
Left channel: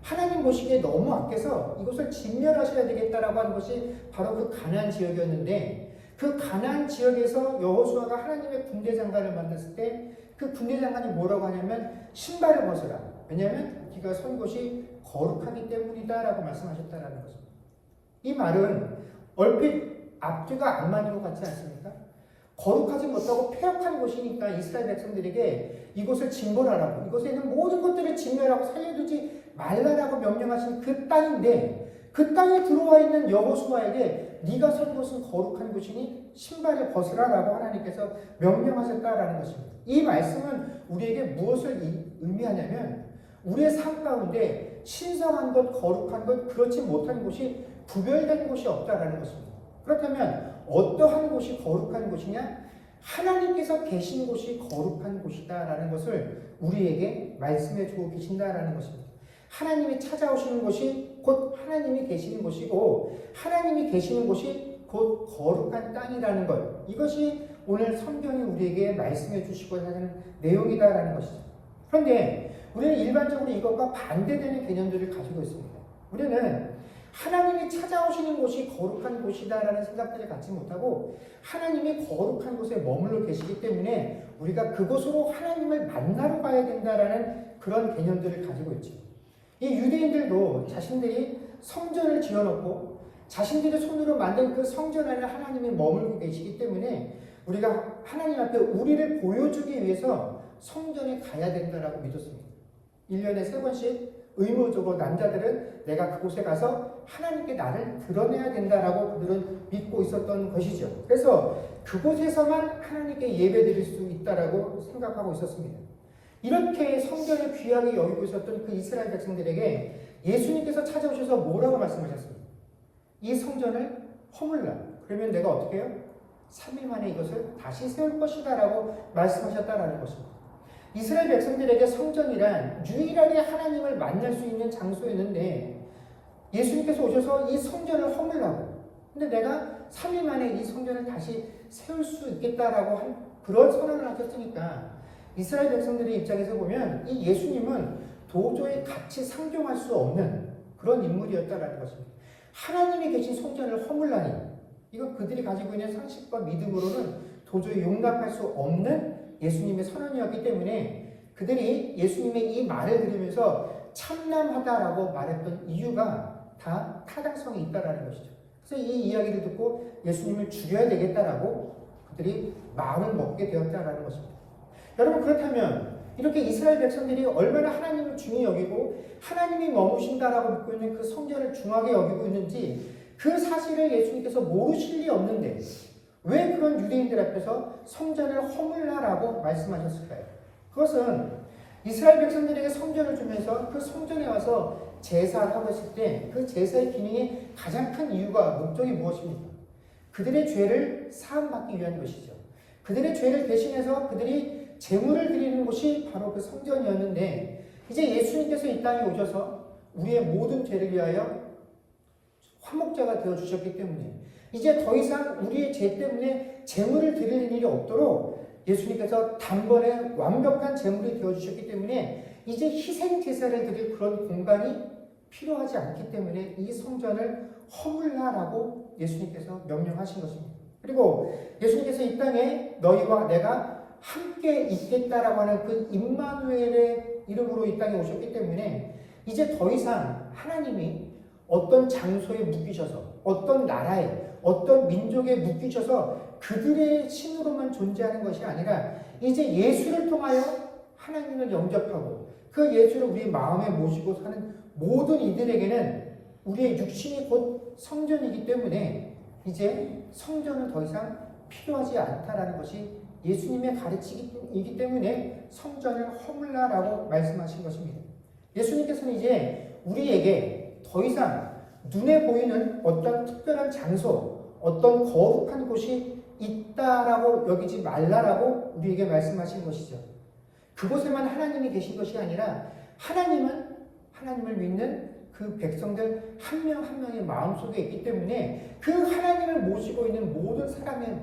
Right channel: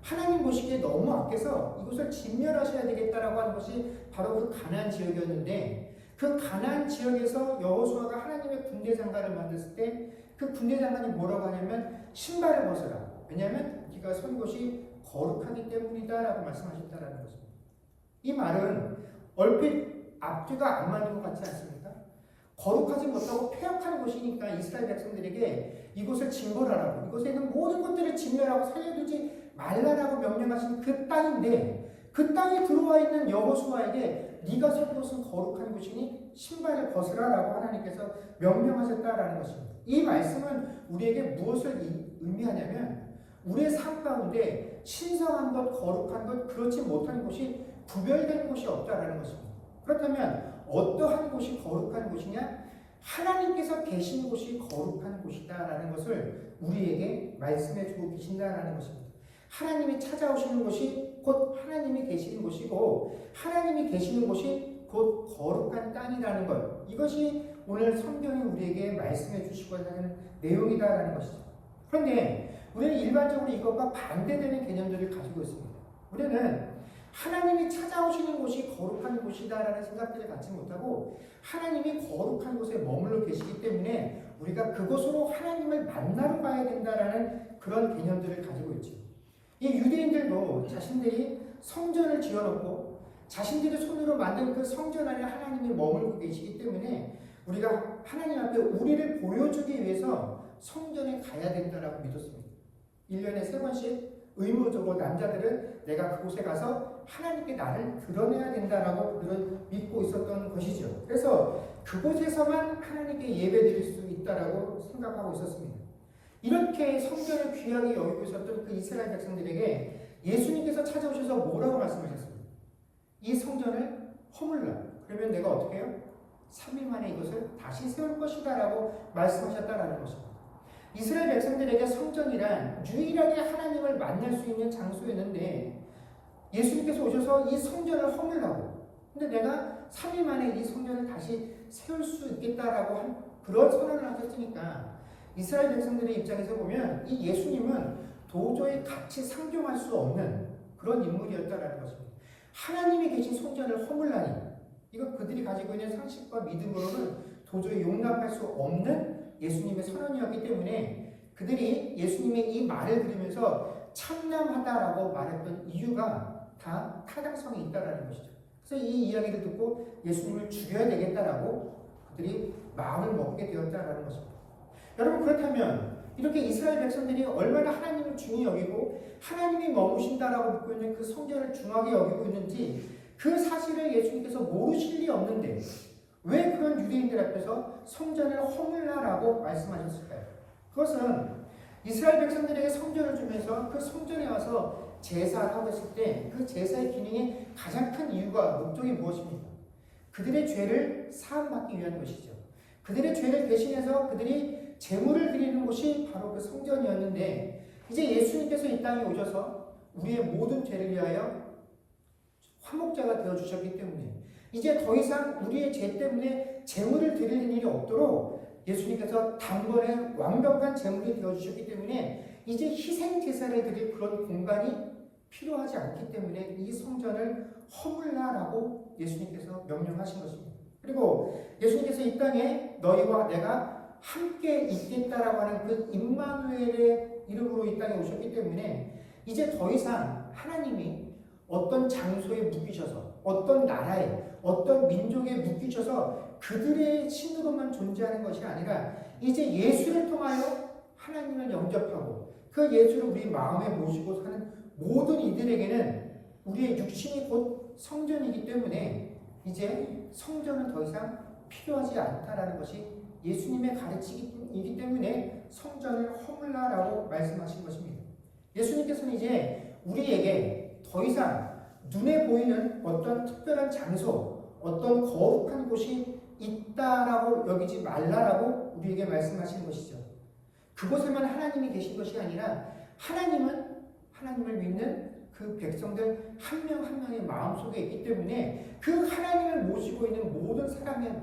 하나님 보시기에 너무 악해서 이곳을 진멸하셔야 되겠다라고 하는 것이 바로 그 가나안 지역이었는데 그 가나안 지역에서 여호수아가 하나님의 군대 장관을 만났을 때 그 군대 장관이 뭐라고 하냐면 신발을 벗어라. 왜냐하면 네가 선 곳이 거룩하기 때문이다라고 말씀하셨다라는 것입니다. 이 말은 얼핏 앞뒤가 안 맞는 것 같지 않습니까? 거룩하지 못하고 폐역한 곳이니까 이스라엘 백성들에게 이곳을 진벌하라고 이곳에 있는 모든 것들을 진멸하고 살려두지 말라라고 명령하신 그 땅인데 그 땅에 들어와 있는 여호수아에게 네가 선 곳은 거룩한 곳이니 신발을 벗으라라고 하나님께서 명령하셨다라는 것입니다. 이 말씀은 우리에게 무엇을 의미하냐면 우리의 삶 가운데 신성한 것, 거룩한 것, 그렇지 못한 곳이 구별될 곳이 없다라는 것입니다. 그렇다면 어떠한 곳이 거룩한 곳이냐? 하나님께서 계신 곳이 거룩한 곳이다라는 것을 우리에게 말씀해 주고 계신다라는 것입니다. 하나님이 찾아오시는 곳이 곧 하나님이 계시는 곳이고 하나님이 계시는 곳이 곧 거룩한 땅이라는 것. 이것이 오늘 성경이 우리에게 말씀해 주시고 하는 내용이다라는 것이죠. 그런데 우리는 일반적으로 이것과 반대되는 개념들을 가지고 있습니다. 우리는 하나님이 찾아오시는 곳이 거룩한 곳이다라는 생각들을 갖지 못하고 하나님이 거룩한 곳에 머물러 계시기 때문에 우리가 그곳으로 하나님을 만나러 가야 된다라는 그런 개념들을 가지고 있죠. 이 유대인들도 자신들이 성전을 지어놓고 자신들의 손으로 만든 그 성전 안에 하나님이 머물고 계시기 때문에 우리가 하나님 앞에 우리를 보여주기 위해서 성전에 가야 된다라고 믿었습니다. 1년에 3번씩 의무적으로 남자들은 내가 그곳에 가서 하나님께 나를 드러내야 된다라고 그들은 믿고 있었던 것이죠. 그래서 그곳에서만 하나님께 예배드릴 수 있다라고 생각하고 있었습니다. 이렇게 성전을 귀하게 여기고 있었던 그 이스라엘 백성들에게 예수님께서 찾아오셔서 뭐라고 말씀하셨습니까? 이 성전을 허물라. 그러면 내가 어떻게 해요? 3일 만에 이것을 다시 세울 것이다 라고 말씀하셨다라는 것입니다. 이스라엘 백성들에게 성전이란 유일하게 하나님을 만날 수 있는 장소였는데 예수님께서 오셔서 이 성전을 허물라고. 근데 내가 3일 만에 이 성전을 다시 세울 수 있겠다라고 한 그런 선언을 하셨으니까 이스라엘 백성들의 입장에서 보면 이 예수님은 도저히 같이 상종할 수 없는 그런 인물이었다라는 것입니다. 하나님이 계신 성전을 허물라니 이건 그들이 가지고 있는 상식과 믿음으로는 도저히 용납할 수 없는 예수님의 선언이었기 때문에 그들이 예수님의 이 말을 들으면서 참남하다라고 말했던 이유가 다 타당성이 있다라는 것이죠. 그래서 이 이야기를 듣고 예수님을 죽여야 되겠다라고 그들이 마음을 먹게 되었다라는 것입니다. 여러분 그렇다면 이렇게 이스라엘 백성들이 얼마나 하나님을 중히 여기고 하나님이 머무신다라고 믿고 있는 그 성전을 중하게 여기고 있는지 그 사실을 예수님께서 모르실 리 없는데 왜 그런 유대인들 앞에서 성전을 허물라라고 말씀하셨을까요? 그것은 이스라엘 백성들에게 성전을 주면서 그 성전에 와서 제사를 하고 있을 때 그 제사의 기능이 가장 큰 이유가 목적이 무엇입니까? 그들의 죄를 사함받기 위한 것이죠. 그들의 죄를 대신해서 그들이 제물을 드리는 곳이 바로 그 성전이었는데 이제 예수님께서 이 땅에 오셔서 우리의 모든 죄를 위하여 화목제가 되어 주셨기 때문에 이제 더 이상 우리의 죄 때문에 제물을 드리는 일이 없도록 예수님께서 단번에 완벽한 제물이 되어 주셨기 때문에 이제 희생 제사를 드릴 그런 공간이 필요하지 않기 때문에 이 성전을 허물라라고 예수님께서 명령하신 것입니다. 그리고 예수님께서 이 땅에 너희와 내가 함께 있겠다라고 하는 그 임마누엘의 이름으로 이 땅에 오셨기 때문에 이제 더 이상 하나님이 어떤 장소에 묶이셔서 어떤 나라에 어떤 민족에 묶이셔서 그들의 신으로만 존재하는 것이 아니라 이제 예수를 통하여 하나님을 영접하고 그 예수를 우리 마음에 모시고 사는 모든 이들에게는 우리의 육신이 곧 성전이기 때문에 이제 성전은 더 이상 필요하지 않다라는 것이 예수님의 가르치기이기 때문에 성전을 허물라라고 말씀하신 것입니다. 예수님께서는 이제 우리에게 더 이상 눈에 보이는 어떤 특별한 장소, 어떤 거룩한 곳이 있다라고 여기지 말라라고 우리에게 말씀하신 것이죠. 그곳에만 하나님이 계신 것이 아니라 하나님을 믿는 그 백성들 한 명 한 명의 마음속에 있기 때문에 그 하나님을 모시고 있는 모든 사람의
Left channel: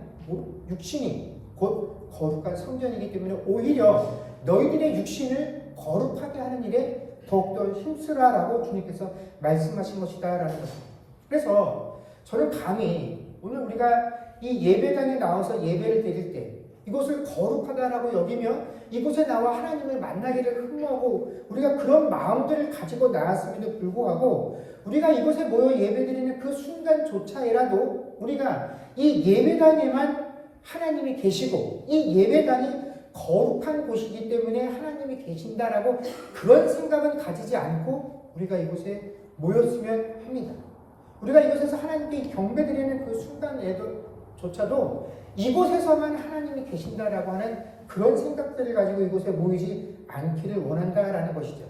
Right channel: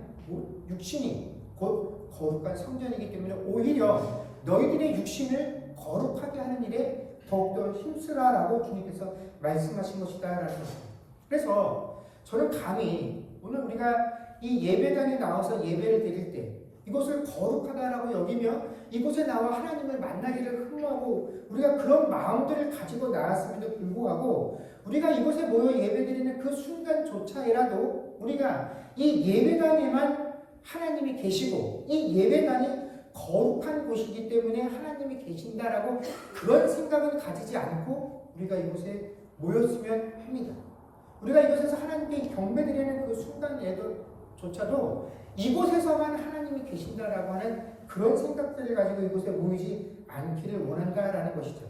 육신이 곧 거룩한 성전이기 때문에 오히려 너희들의 육신을 거룩하게 하는 일에 더욱더 힘쓰라라고 주님께서 말씀하신 것이다라는 것입니다. 그래서 저는 감히 오늘 우리가 이 예배당에 나와서 예배를 드릴 때 이곳을 거룩하다라고 여기며 이곳에 나와 하나님을 만나기를 흠모하고 우리가 그런 마음들을 가지고 나왔음에도 불구하고 우리가 이곳에 모여 예배드리는 그 순간조차이라도 우리가 이 예배당에만 하나님이 계시고 이 예배당이 거룩한 곳이기 때문에 하나님이 계신다라고 그런 생각은 가지지 않고 우리가 이곳에 모였으면 합니다. 우리가 이곳에서 하나님께 경배드리는 그 순간에도조차도 이곳에서만 하나님이 계신다라고 하는 그런 생각들을 가지고 이곳에 모이지 않기를 원한다라는 것이죠.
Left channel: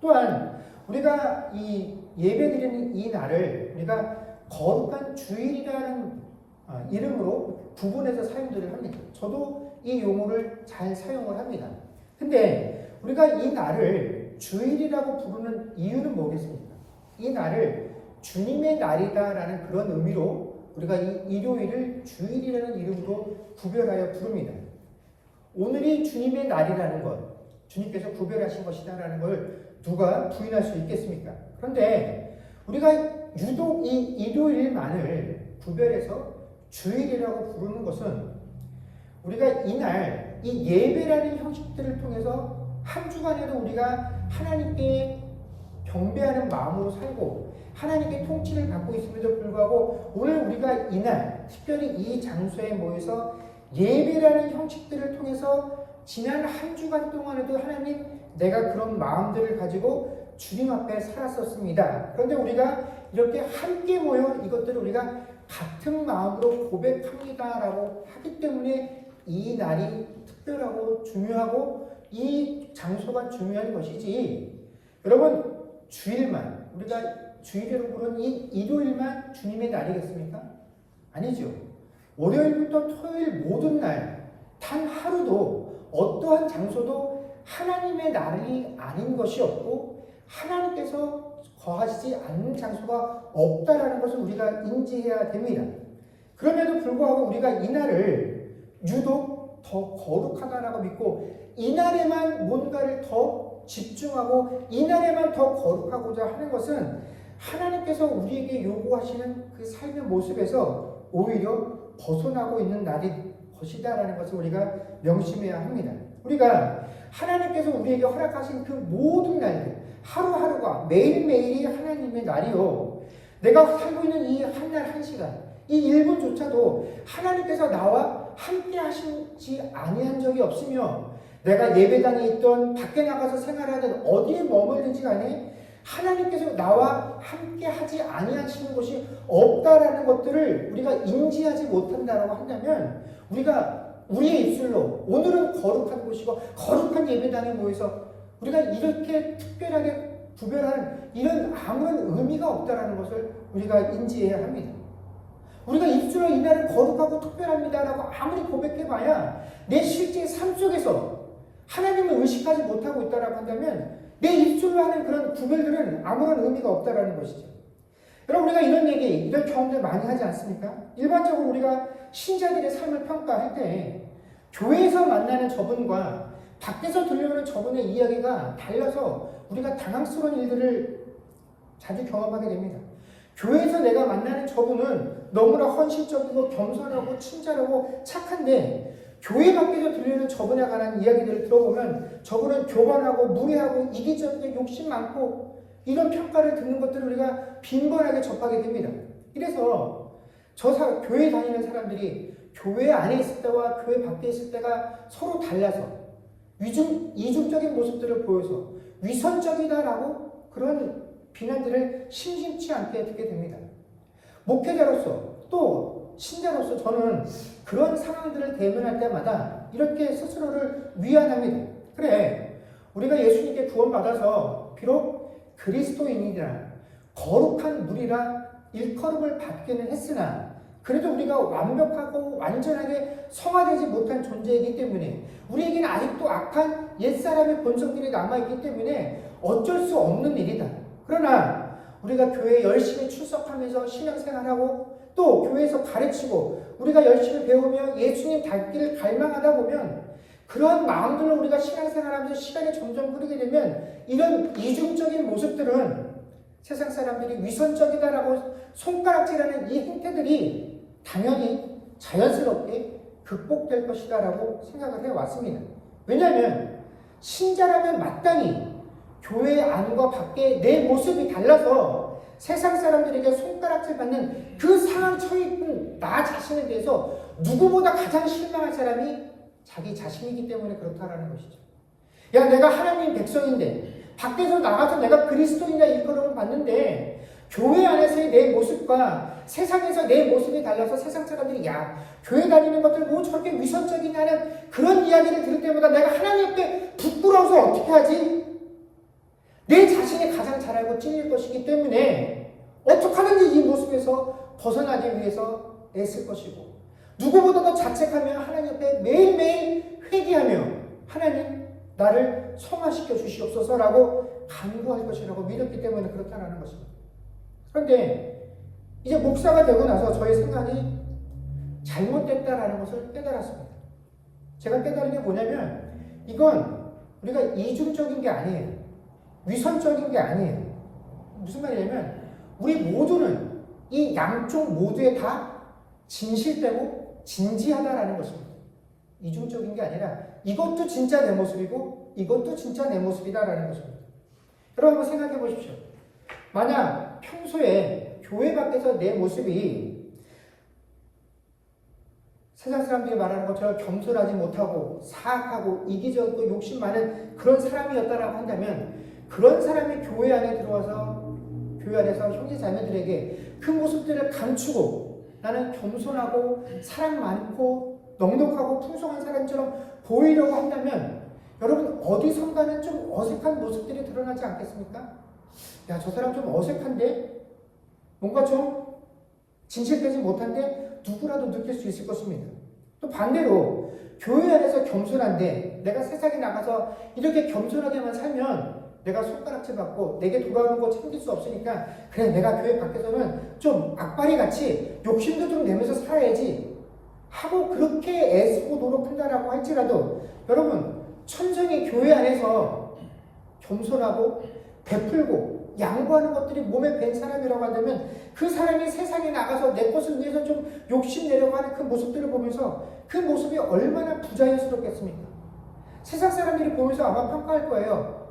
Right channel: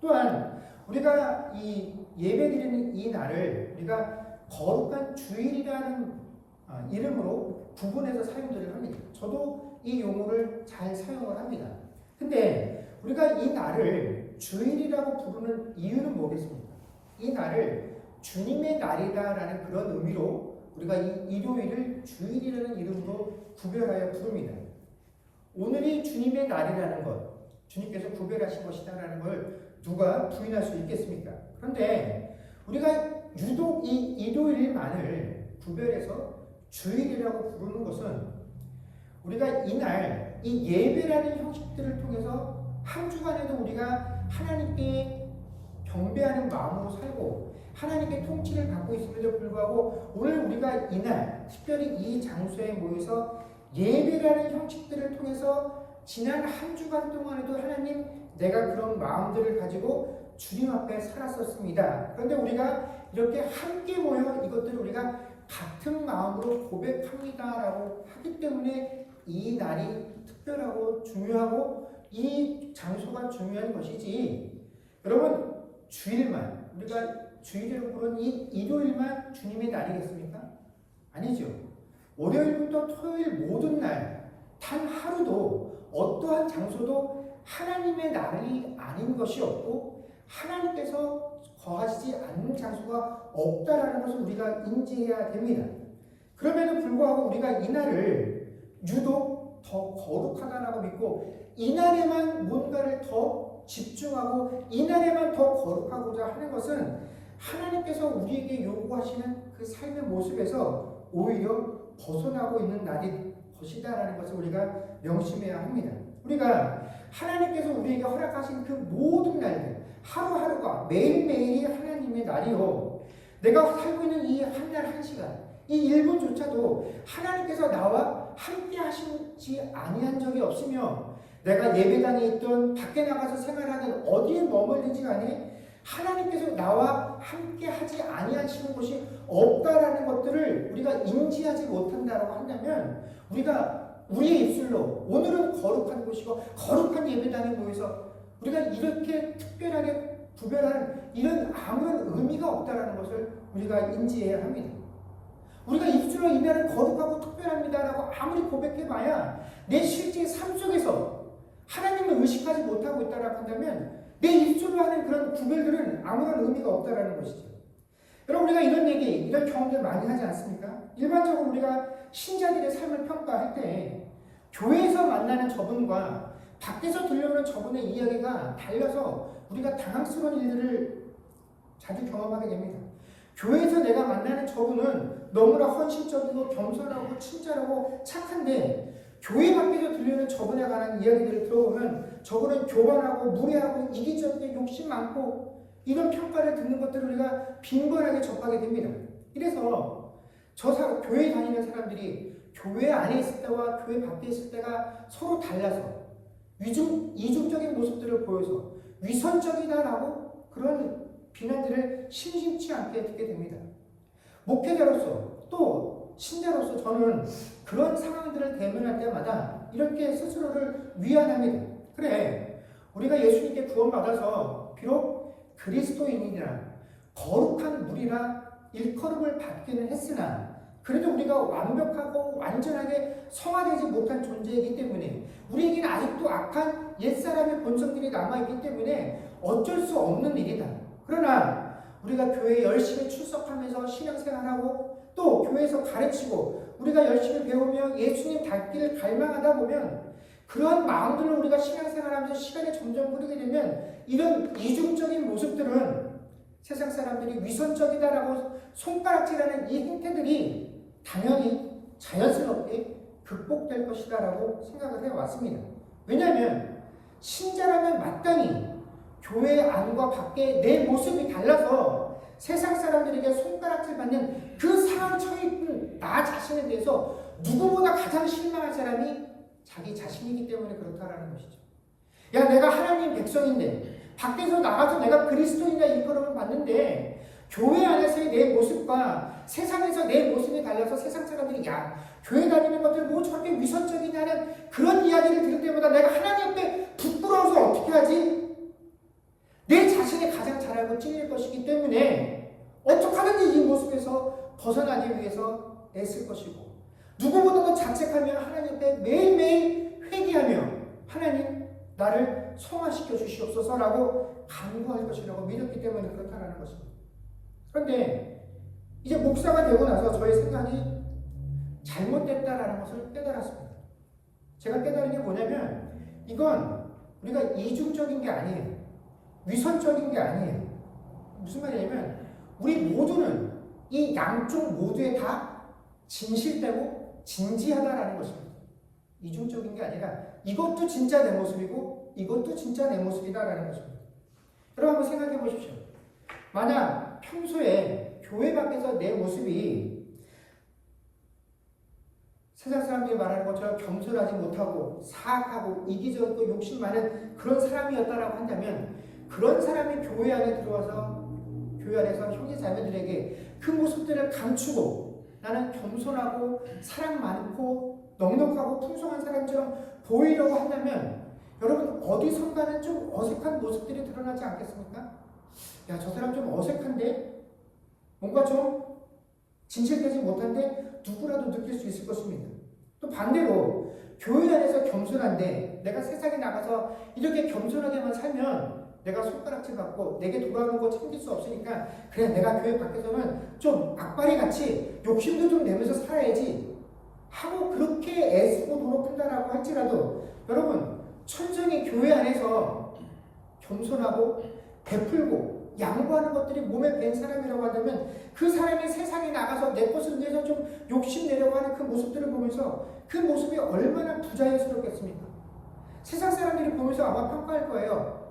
또한 우리가 이 예배드리는 이 날을 우리가 거룩한 주일이라는 이름으로 구분해서 사용들을 합니다. 저도 이 용어를 잘 사용을 합니다. 근데 우리가 이 날을 주일이라고 부르는 이유는 뭐겠습니까? 이 날을 주님의 날이다라는 그런 의미로 우리가 이 일요일을 주일이라는 이름으로 구별하여 부릅니다. 오늘이 주님의 날이라는 것, 주님께서 구별하신 것이다라는 걸 누가 부인할 수 있겠습니까? 그런데 우리가 유독 이 일요일만을 구별해서 주일이라고 부르는 것은 우리가 이날 이 예배라는 형식들을 통해서 한 주간에도 우리가 하나님께 경배하는 마음으로 살고 하나님께 통치를 받고 있음에도 불구하고 오늘 우리가 이날 특별히 이 장소에 모여서 예배라는 형식들을 통해서 지난 한 주간 동안에도 하나님 내가 그런 마음들을 가지고 주님 앞에 살았었습니다. 그런데 우리가 이렇게 함께 모여 이것들을 우리가 같은 마음으로 고백합니다라고 하기 때문에 이 날이 특별하고 중요하고 이 장소가 중요한 것이지, 여러분 주일만, 우리가 주일이라고 부르는 이 일요일만 주님의 날이겠습니까? 아니죠. 월요일부터 토요일 모든 날 단 하루도 어떠한 장소도 하나님의 날이 아닌 것이 없고 하나님께서 거하시지 않는 장소가 없다라는 것을 우리가 인지해야 됩니다. 그럼에도 불구하고 우리가 이 날을 유독 더 거룩하다라고 믿고 이 날에만 뭔가를 더 집중하고 이 날에만 더 거룩하고자 하는 것은 하나님께서 우리에게 요구하시는 그 삶의 모습에서 오히려 벗어나고 있는 날인 것이다라는 것을 우리가 명심해야 합니다. 우리가 하나님께서 우리에게 허락하신 그 모든 날들, 하루하루가 매일매일이 하나님의 날이요, 내가 살고 있는 이 한 날 한 시간, 이 1분조차도 하나님께서 나와 함께 하시지 아니한 적이 없으며, 내가 예배당에 있던 밖에 나가서 생활하든 어디에 머물든지 간에 하나님께서 나와 함께 하지 아니하시는 것이 없다라는 것들을 우리가 인지하지 못한다라고 한다면, 우리가 우리의 입술로 오늘은 거룩한 곳이고 거룩한 예배당에 모여서 우리가 이렇게 특별하게 구별하는 이런 아무런 의미가 없다라는 것을 우리가 인지해야 합니다. 우리가 입술로 이 날은 거룩하고 특별합니다라고 아무리 고백해봐야 내 실제 삶 속에서 하나님을 의식하지 못하고 있다라고 한다면 내 입술로 하는 그런 구별들은 아무런 의미가 없다라는 것이죠. 여러분, 우리가 이런 얘기, 이런 경험들 많이 하지 않습니까? 일반적으로 우리가 신자들의 삶을 평가할 때 교회에서 만나는 저분과 밖에서 들려오는 저분의 이야기가 달라서 우리가 당황스러운 일들을 자주 경험하게 됩니다. 교회에서 내가 만나는 저분은 너무나 헌신적이고 겸손하고 친절하고 착한데, 교회 밖에서 들리는 저분에 관한 이야기들을 들어보면 저분은 교만하고 무례하고 이기적이고 욕심 많고, 이런 평가를 듣는 것들을 우리가 빈번하게 접하게 됩니다. 이래서 교회 다니는 사람들이 교회 안에 있을 때와 교회 밖에 있을 때가 서로 달라서 이중적인 모습들을 보여서 위선적이다라고 그런 비난들을 심심치 않게 듣게 됩니다. 목회자로서 또 신자로서 저는 그런 상황들을 대면할 때마다 이렇게 스스로를 위안합니다. 그래, 우리가 예수님께 구원받아서 비록 그리스도인이라 거룩한 무리라 일컬음을 받기는 했으나 그래도 우리가 완벽하고 완전하게 성화되지 못한 존재이기 때문에 우리에게는 아직도 악한 옛사람의 본성들이 남아있기 때문에 어쩔 수 없는 일이다. 그러나 우리가 교회에 열심히 출석하면서 신앙생활하고 또 교회에서 가르치고 우리가 열심히 배우며 예수님 닮기를 갈망하다 보면 그러한 마음들로 우리가 신앙생활하면서 시간이 점점 흐르게 되면 이런 이중적인 모습들은 세상 사람들이 위선적이다라고 손가락질하는 이 행태들이 당연히 자연스럽게 극복될 것이다라고 생각을 해왔습니다. 왜냐하면 신자라면 마땅히 교회 안과 밖에 내 모습이 달라서 세상 사람들에게 손가락질 받는 그 상황 처해 있는 나 자신에 대해서 누구보다 가장 실망할 사람이 자기 자신이기 때문에 그렇다라는 것이죠. 야, 내가 하나님 백성인데 밖에서 나가서 내가 그리스도인이라 일컬음을 받는데 교회 안에서의 내 모습과 세상에서 내 모습이 달라서 세상 사람들이 야, 교회 다니는 것들 뭐 저렇게 위선적이냐는 그런 이야기를 들을 때마다 내가 하나님 앞에 부끄러워서 어떻게 하지? 내 자신이 가장 잘 알고 찔릴 것이기 때문에 어떻게 하든지 이 모습에서 벗어나기 위해서 애쓸 것이고, 누구보다도 자책하며 하나님 앞에 매일매일 회개하며 하나님 나를 성화시켜 주시옵소서라고 간구할 것이라고 믿었기 때문에 그렇다는 것입니다. 그런데 이제 목사가 되고 나서 저의 생각이 잘못됐다라는 것을 깨달았습니다. 제가 깨달은 게 뭐냐면 이건 우리가 이중적인 게 아니에요. 위선적인 게 아니에요. 무슨 말이냐면 우리 모두는 이 양쪽 모두에 다 진실되고 진지하다라는 것입니다. 이중적인 게 아니라 이것도 진짜 내 모습이고 이것도 진짜 내 모습이다라는 것입니다. 여러분 한번 생각해 보십시오. 만약 평소에 교회 밖에서 내 모습이 세상 사람들이 말하는 것처럼 겸손하지 못하고 사악하고 이기적이고 욕심 많은 그런 사람이었다라고 한다면 그런 사람이 교회 안에 들어와서 교회 안에서 형제 자매들에게 그 모습들을 감추고 나는 겸손하고 사랑 많고 넉넉하고 풍성한 사람처럼 보이려고 한다면 여러분 어디선가는 좀 어색한 모습들이 드러나지 않겠습니까? 야, 저 사람 좀 어색한데? 뭔가 좀 진실되지 못한데 누구라도 느낄 수 있을 것입니다. 또 반대로 교회 안에서 겸손한데 내가 세상에 나가서 이렇게 겸손하게만 살면 내가 손가락질 받고 내게 돌아오는 거 챙길 수 없으니까 그래, 내가 교회 밖에서는 좀 악바리 같이 욕심도 좀 내면서 살아야지 하고 그렇게 애쓰고 노력한다라고 할지라도 여러분, 천성이 교회 안에서 겸손하고 베풀고 양보하는 것들이 몸에 밴 사람이라고 한다면 그 사람이 세상에 나가서 내 것을 위해서 좀 욕심내려고 하는 그 모습들을 보면서 그 모습이 얼마나 부자연스럽겠습니까? 세상 사람들이 보면서 아마 평가할 거예요.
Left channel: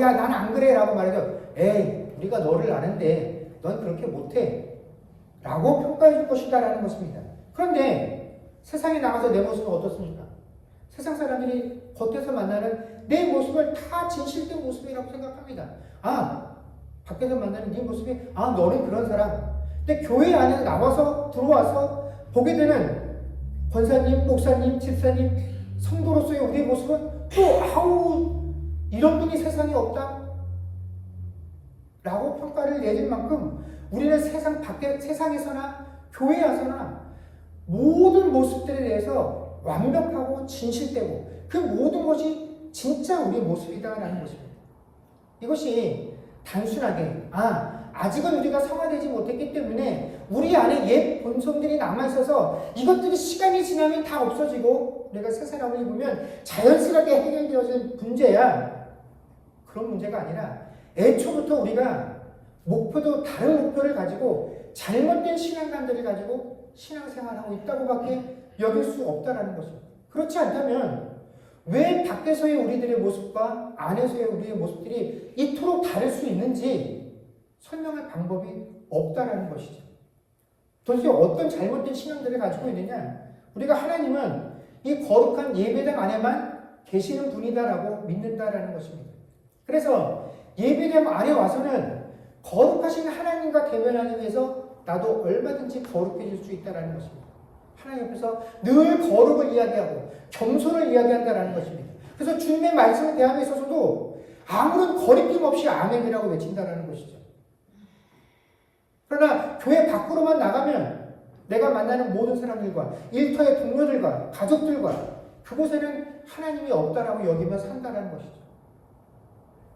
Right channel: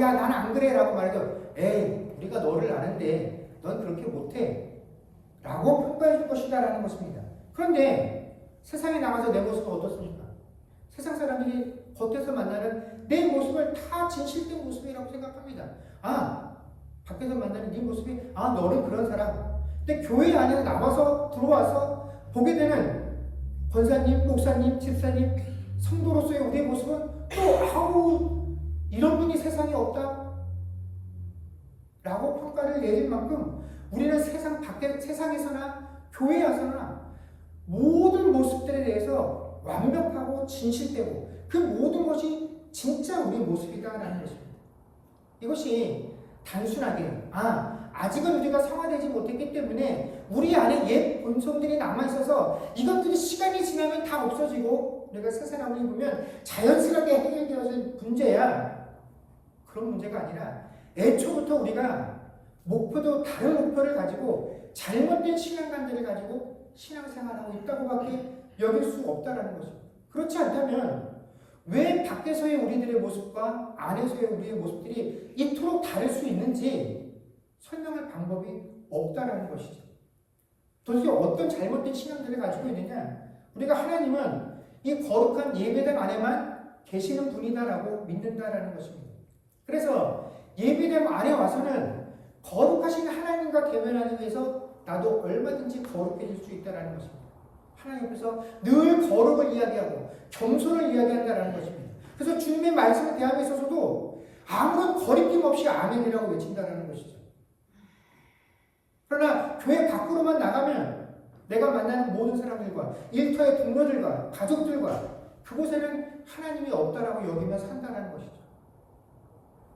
야, 난 안 그래 라고 말하죠. 에이, 우리가 너를 아는데 넌 그렇게 못해 라고 평가해 줄 것이다 라는 것입니다. 그런데 세상에 나가서 내 모습은 어떻습니까? 세상 사람들이 겉에서 만나는 내 모습을 다 진실된 모습이라고 생각합니다. 밖에서 만나는 네 모습이 너는 그런 사람. 근데 교회 안에 나와서 들어와서 보게 되는 권사님, 목사님, 집사님, 성도로서의 우리의 모습은 또 이런 분이 세상에 없다 라고 평가를 내릴 만큼 우리는 세상에서나 교회에서나 모든 모습들에 대해서 완벽하고 진실되고 그 모든 것이 진짜 우리의 모습이다라는 것입니다. 이것이 단순하게 아직은 우리가 성화되지 못했기 때문에 우리 안에 옛 본성들이 남아있어서 이것들이 시간이 지나면 다 없어지고 내가 새 사람을 입으면 자연스럽게 해결되어진 문제야. 그런 문제가 아니라 애초부터 우리가 다른 목표를 가지고 잘못된 신앙관들을 가지고 신앙생활하고 있다고밖에 여길 수 없다라는 것입니다. 그렇지 않다면 왜 밖에서의 우리들의 모습과 안에서의 우리의 모습들이 이토록 다를 수 있는지 설명할 방법이 없다라는 것이죠. 도대체 어떤 잘못된 신앙들을 가지고 있느냐? 우리가 하나님은 이 거룩한 예배당 안에만 계시는 분이다라고 믿는다라는 것입니다. 그래서 예배당 안에 와서는 거룩하신 하나님과 대면하기 위해서 나도 얼마든지 거룩해질 수 있다라는 것입니다. 하나님 앞에서 늘 거룩을 이야기하고 겸손을 이야기한다라는 것입니다. 그래서 주님의 말씀을 대하고 있어서도 아무런 거리낌 없이 아멘이라고 외친다라는 것이죠. 그러나 교회 밖으로만 나가면 내가 만나는 모든 사람들과 일터의 동료들과 가족들과 그곳에는 하나님이 없다라고 여기며 산다라는 것이죠.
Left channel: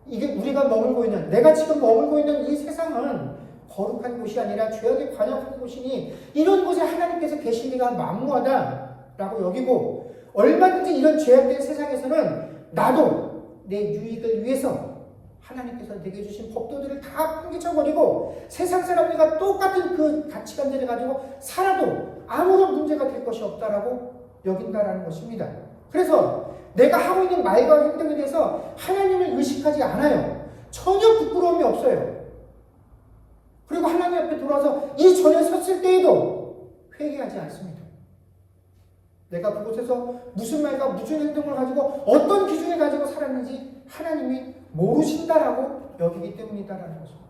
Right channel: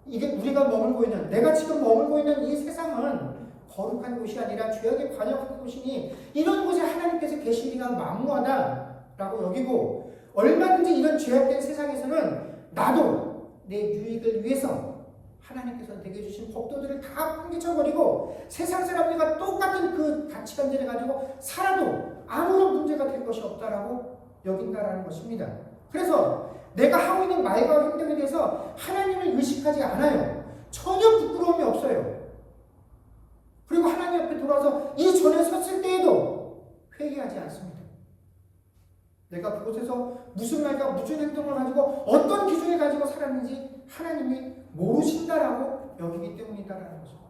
이게 우리가 머물고 있는, 내가 지금 머물고 있는 이 세상은 거룩한 곳이 아니라 죄악에 관역한 곳이니 이런 곳에 하나님께서 계시기가 만무하다라고 여기고 얼마든지 이런 죄악된 세상에서는 나도 내 유익을 위해서 하나님께서 내게 주신 법도들을 다 풍기쳐버리고 세상 사람들과 똑같은 그 가치관들을 가지고 살아도 아무런 문제가 될 것이 없다라고 여긴다라는 것입니다. 그래서 내가 하고 있는 말과 행동에 대해서 하나님을 의식하지 않아요. 전혀 부끄러움이 없어요. 그리고 하나님 앞에 돌아와서 이 전에 섰을 때에도 회개하지 않습니다. 내가 그곳에서 무슨 말과 무슨 행동을 가지고 어떤 기준을 가지고 살았는지 하나님이 모르신다라고 여기기 때문이다라는 것입니다.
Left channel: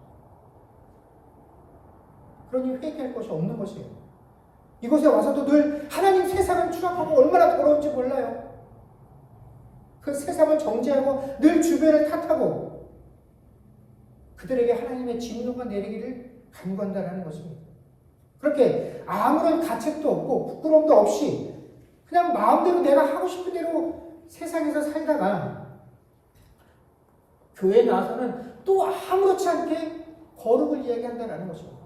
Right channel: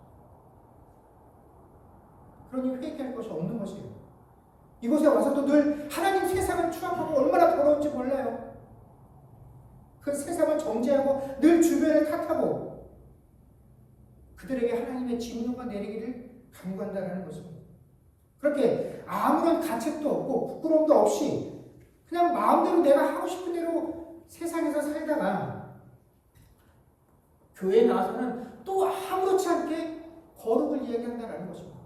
그러니 회개할 것이 없는 것이에요. 이곳에 와서도 늘 하나님 세상을 추락하고 얼마나 더러운지 몰라요. 그 세상을 정죄하고 늘 주변을 탓하고 그들에게 하나님의 진노가 내리기를 간구한다라는 것입니다. 그렇게 아무런 가책도 없고 부끄러움도 없이 그냥 마음대로 내가 하고 싶은 대로 세상에서 살다가 교회에 나와서는 또 아무렇지 않게 거룩을 이야기한다라는 것입니다.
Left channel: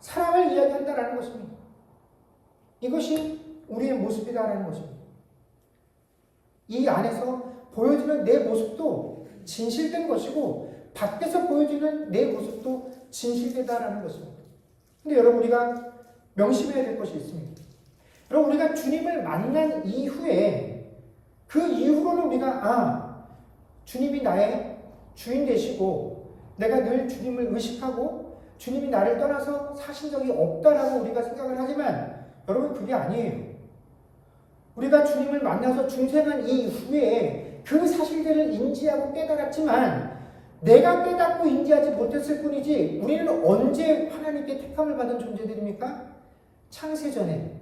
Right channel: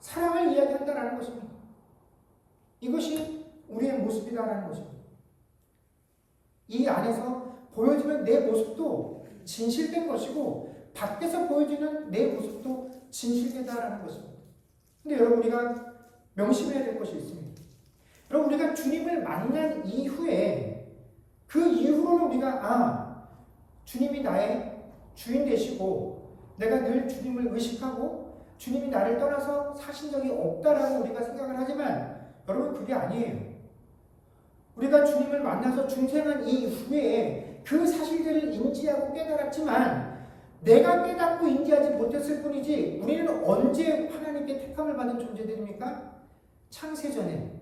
사랑을 이야기한다라는 것입니다. 이것이 우리의 모습이다라는 것입니다. 이 안에서 보여지는 내 모습도 진실된 것이고 밖에서 보여지는 내 모습도 진실되다라는 것입니다. 근데 여러분 우리가 명심해야 될 것이 있습니다. 여러분 우리가 주님을 만난 이후에 그 이후로는 우리가 주님이 나의 주인 되시고 내가 늘 주님을 의식하고 주님이 나를 떠나서 사신 적이 없다라고 우리가 생각을 하지만 여러분 그게 아니에요. 우리가 주님을 만나서 중생한 이후에 그 사실들을 인지하고 깨달았지만 내가 깨닫고 인지하지 못했을 뿐이지 우리는 언제 하나님께 택함을 받은 존재들입니까? 창세전에